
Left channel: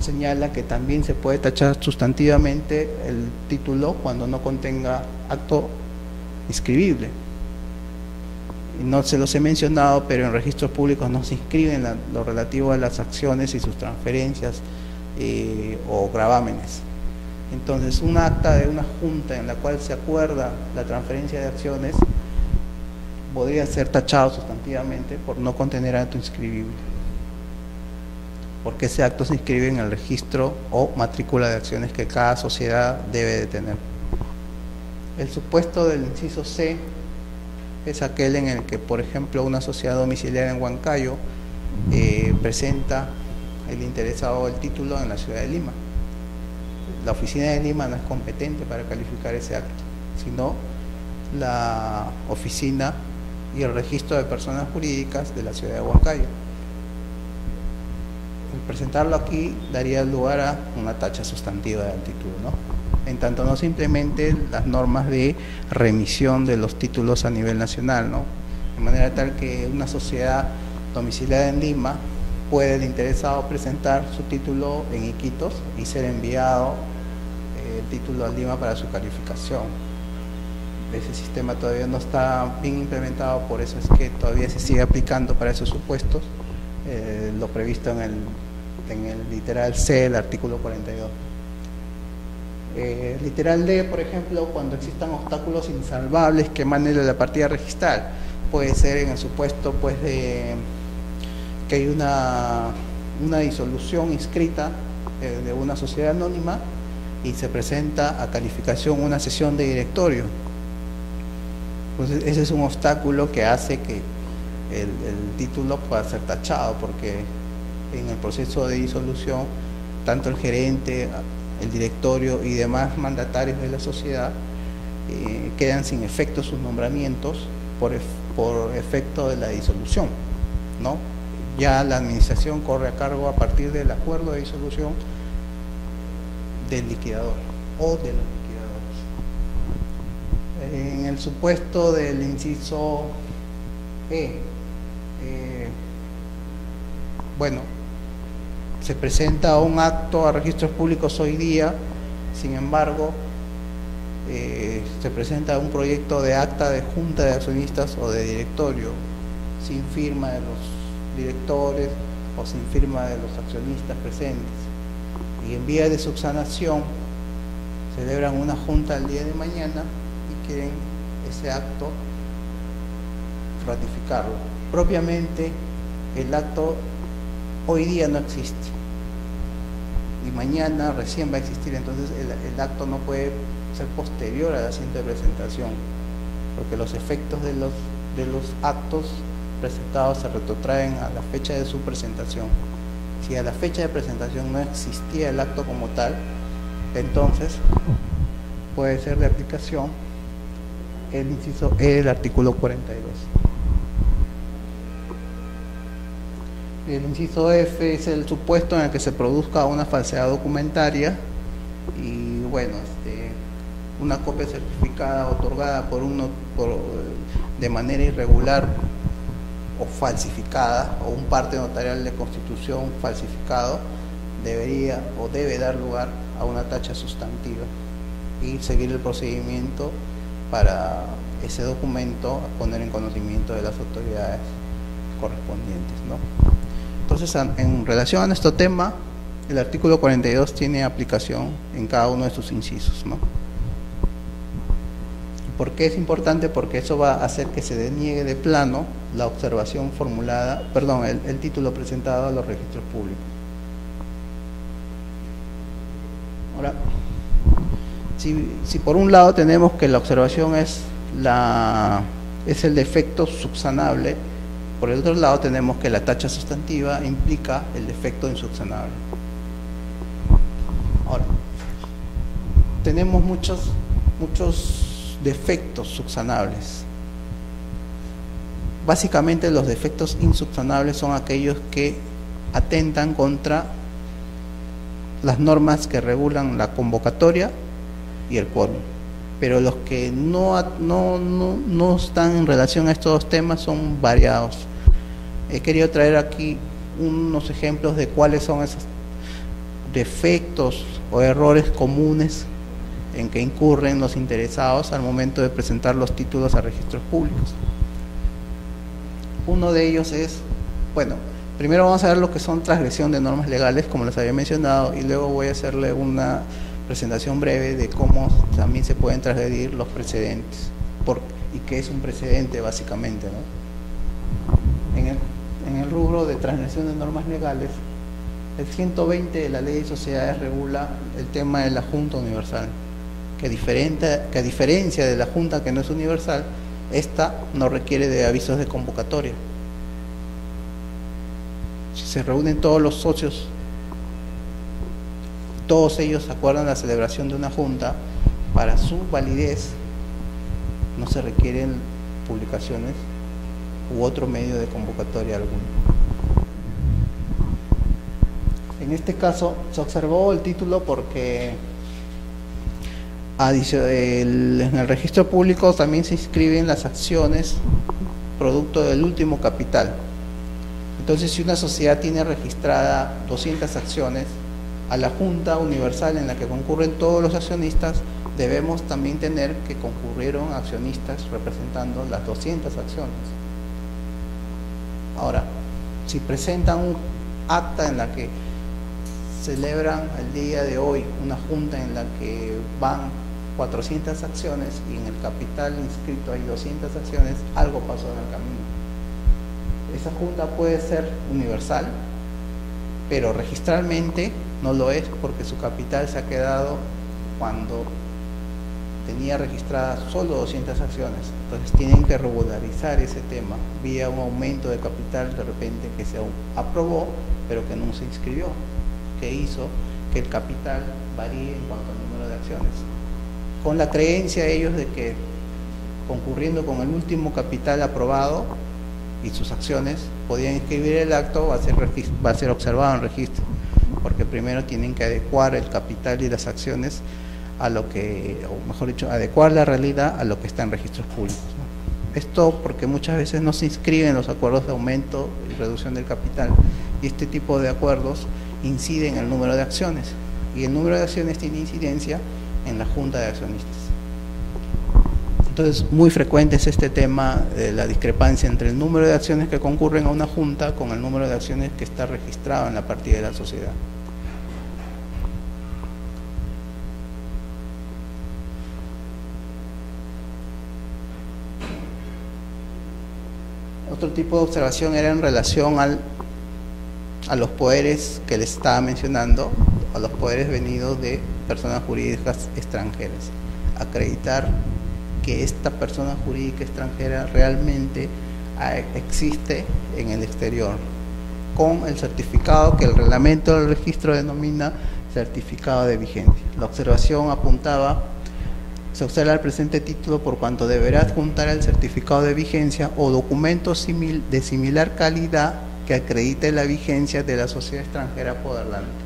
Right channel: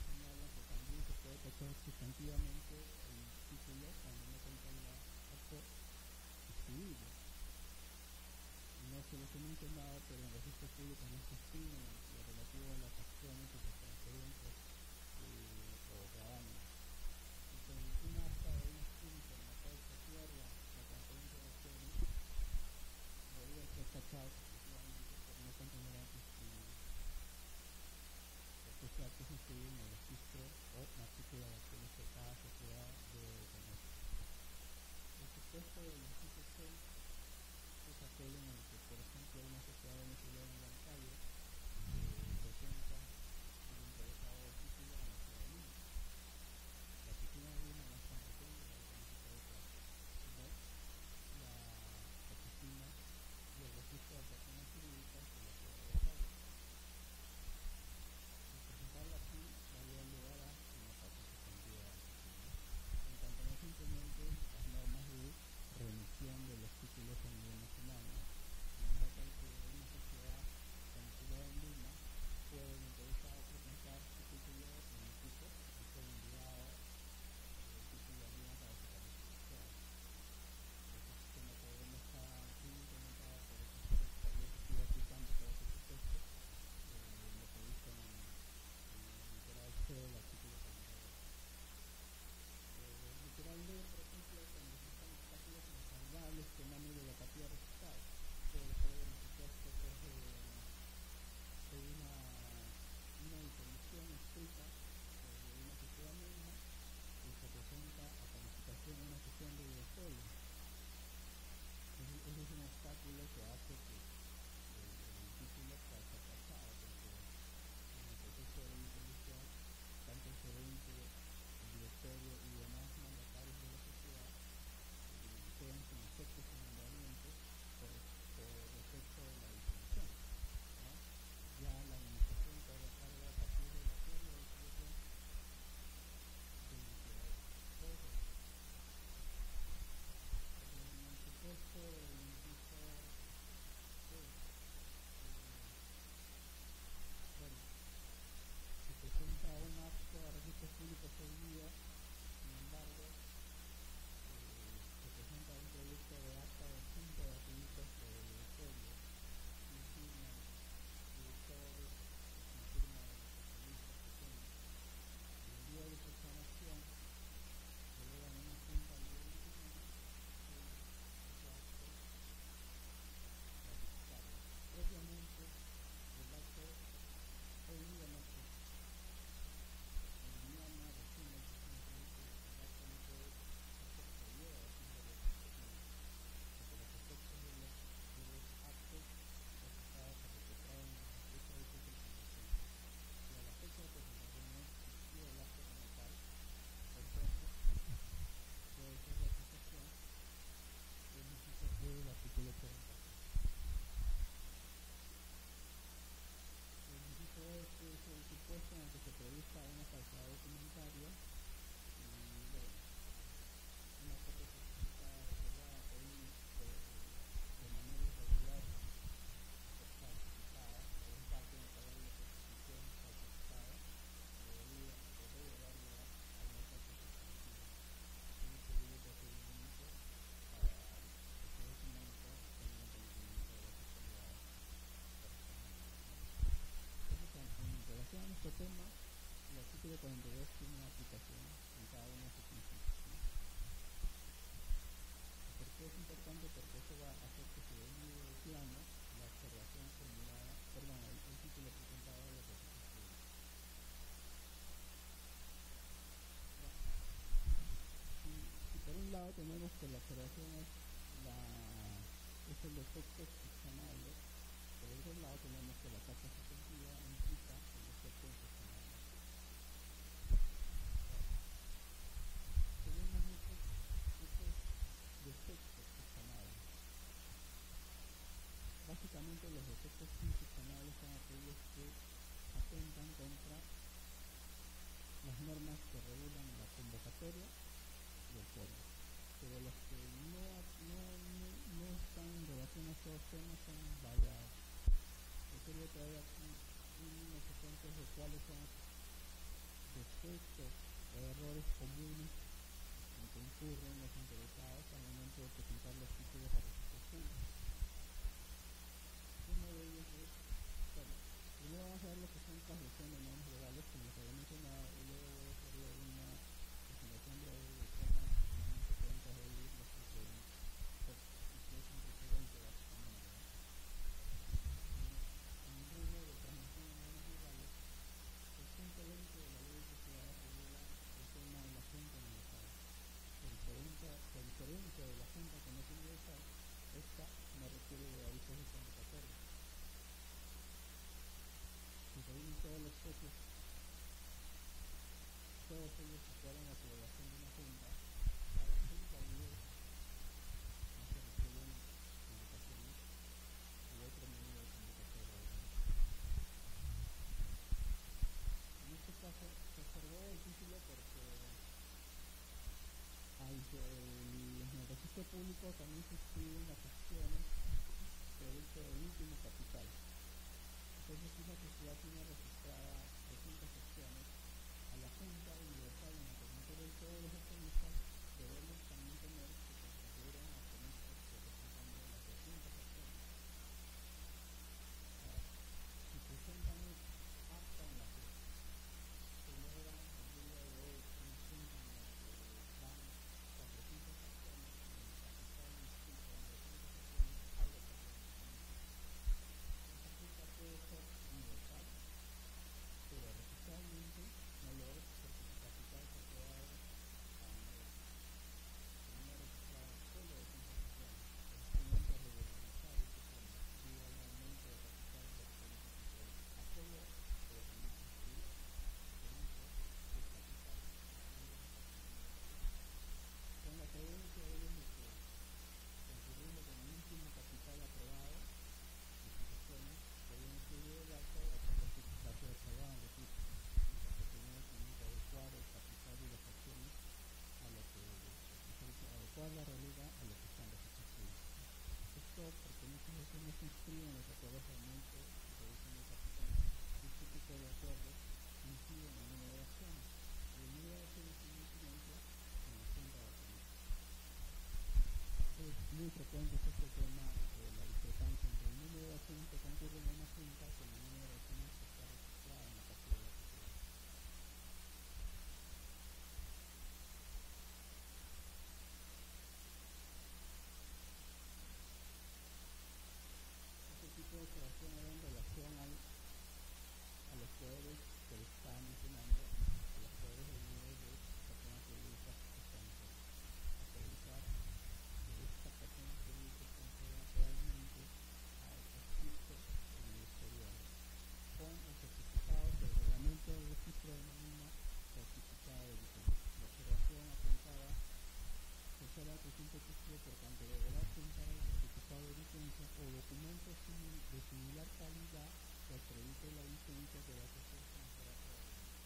señala que también se puede tachar sustantivamente el título cuando no contenga acto inscribible. Y no se los he mencionado, pero en registros públicos no se inscriben lo relativo a las acciones y sus transferencias o gravámenes. Entonces, un acta de una junta en la cual se acuerda la transferencia de acciones podría ser tachado sustantivamente por no contener acto inscribible, porque ese acto se inscribe en el registro o matrícula de acciones que cada sociedad debe de tener. El supuesto del inciso C es aquel en el que, por ejemplo, una sociedad domiciliaria en Huancayo presenta el interesado el título en la ciudad de Lima. La oficina de Lima no es competente para calificar ese acto, sino la oficina y el registro de personas jurídicas de la ciudad de Huancayo. El presentarlo aquí daría lugar a una tacha sustantiva del título, ¿no? En tanto no se implementen las normas de remisión de los títulos a nivel nacional, ¿no? De manera tal que una sociedad domiciliada en Lima puede el interesado presentar su título en Iquitos y ser enviado el título a Lima para su calificación. Ese sistema todavía no está bien implementado, por eso es que todavía se sigue aplicando para esos supuestos lo previsto en el literal C del artículo 42. Literal D, por ejemplo, cuando existan obstáculos insalvables que emanen de la partida registral, puede ser en el supuesto pues de que hay una disolución inscrita de una sociedad anónima y se presenta a calificación una sesión de directorio. Entonces ese es un obstáculo que hace que el título pueda ser tachado, porque en el proceso de disolución tanto el gerente, el directorio y demás mandatarios de la sociedad quedan sin efecto sus nombramientos por efecto de la disolución, ¿no? Ya la administración corre a cargo a partir del acuerdo de disolución del liquidador o de los liquidadores. En el supuesto del inciso E, bueno, se presenta un acto a registros públicos hoy día, sin embargo, se presenta un proyecto de acta de junta de accionistas o de directorio, sin firma de los directores o sin firma de los accionistas presentes. Y en vía de subsanación, celebran una junta el día de mañana y quieren ese acto ratificarlo. Propiamente, el acto hoy día no existe y mañana recién va a existir, entonces el acto no puede ser posterior al asiento de presentación, porque los efectos de los actos presentados se retrotraen a la fecha de su presentación. Si a la fecha de presentación no existía el acto como tal, entonces puede ser de aplicación el inciso E del artículo 42. El inciso F es el supuesto en el que se produzca una falsedad documentaria y bueno, una copia certificada otorgada de manera irregular o falsificada, o un parte notarial de constitución falsificado, debería o debe dar lugar a una tacha sustantiva y seguir el procedimiento para ese documento poner en conocimiento de las autoridades correspondientes, ¿no? Entonces, en relación a nuestro tema, el artículo 42 tiene aplicación en cada uno de sus incisos, ¿no? ¿Por qué es importante? Porque eso va a hacer que se deniegue de plano la observación formulada, perdón, el título presentado a los registros públicos. Ahora, si por un lado tenemos que la observación es el defecto subsanable, por el otro lado tenemos que la tacha sustantiva implica el defecto insubsanable. Ahora, tenemos muchos defectos subsanables. Básicamente los defectos insubsanables son aquellos que atentan contra las normas que regulan la convocatoria y el quórum. Pero los que no están en relación a estos dos temas son variados. He querido traer aquí unos ejemplos de cuáles son esos defectos o errores comunes en que incurren los interesados al momento de presentar los títulos a registros públicos. Uno de ellos es, bueno, primero vamos a ver lo que son transgresión de normas legales, como les había mencionado, y luego voy a hacerle una presentación breve de cómo también se pueden transgredir los precedentes, y qué es un precedente básicamente, ¿no? En el rubro de transgresión de normas legales, el 120 de la Ley de Sociedades regula el tema de la Junta Universal, que a diferencia de la Junta que no es universal, esta no requiere de avisos de convocatoria. Si se reúnen todos los socios, todos ellos acuerdan la celebración de una junta, para su validez no se requieren publicaciones u otro medio de convocatoria alguno. En este caso se observó el título porque en el registro público también se inscriben las acciones producto del último capital. Entonces, si una sociedad tiene registrada 200 acciones, a la Junta Universal en la que concurren todos los accionistas, debemos también tener que concurrieron accionistas representando las 200 acciones. Ahora, si presentan un acta en la que celebran el día de hoy una junta en la que van 400 acciones y en el capital inscrito hay 200 acciones, algo pasó en el camino. Esa junta puede ser universal, pero registralmente no lo es, porque su capital se ha quedado cuando tenía registradas solo 200 acciones. Entonces tienen que regularizar ese tema vía un aumento de capital de repente que se aprobó, pero que no se inscribió, que hizo que el capital varíe en cuanto al número de acciones, con la creencia ellos de que concurriendo con el último capital aprobado y sus acciones podían inscribir el acto, va a ser observado en registro, porque primero tienen que adecuar el capital y las acciones a lo que, o mejor dicho, adecuar la realidad a lo que está en registros públicos, ¿no? Esto porque muchas veces no se inscriben los acuerdos de aumento y reducción del capital, y este tipo de acuerdos inciden en el número de acciones, y el número de acciones tiene incidencia en la junta de accionistas. Entonces, muy frecuente es este tema de la discrepancia entre el número de acciones que concurren a una junta con el número de acciones que está registrado en la partida de la sociedad. Otro tipo de observación era en relación a los poderes que les estaba mencionando, a los poderes venidos de personas jurídicas extranjeras. Acreditar que esta persona jurídica extranjera realmente existe en el exterior, con el certificado que el reglamento del registro denomina certificado de vigencia. La observación apuntaba: se observa el presente título por cuanto deberá adjuntar el certificado de vigencia o documento de similar calidad que acredite la vigencia de la sociedad extranjera apoderante.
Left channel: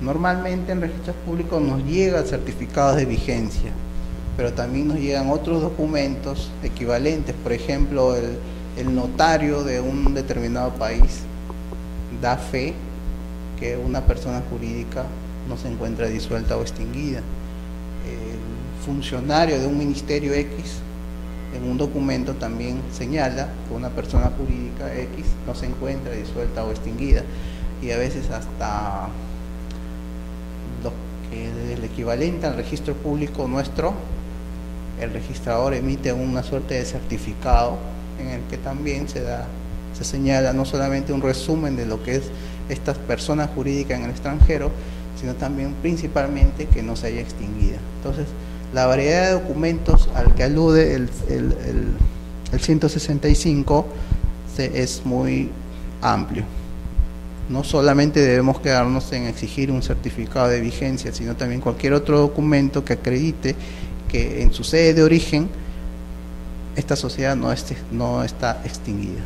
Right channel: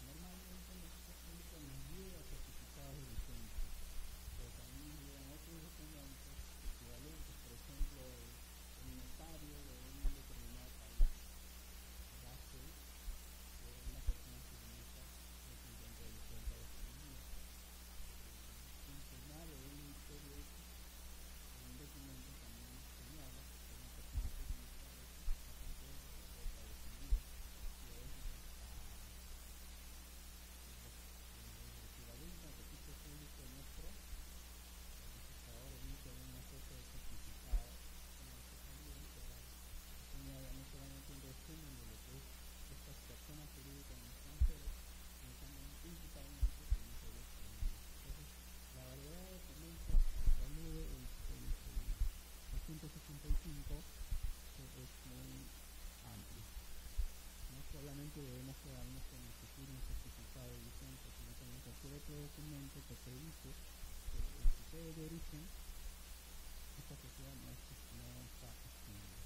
Normalmente en registros públicos nos llega el certificado de vigencia, pero también nos llegan otros documentos equivalentes. Por ejemplo, el notario de un determinado país da fe que una persona jurídica no se encuentra disuelta o extinguida. El funcionario de un ministerio X en un documento también señala que una persona jurídica X no se encuentra disuelta o extinguida, y a veces hasta lo que es el equivalente al registro público nuestro, el registrador emite una suerte de certificado en el que también se señala no solamente un resumen de lo que es esta persona jurídica en el extranjero, sino también principalmente que no se haya extinguida. Entonces, la variedad de documentos al que alude el 165 es muy amplio. No solamente debemos quedarnos en exigir un certificado de vigencia, sino también cualquier otro documento que acredite que en su sede de origen esta sociedad no está extinguida.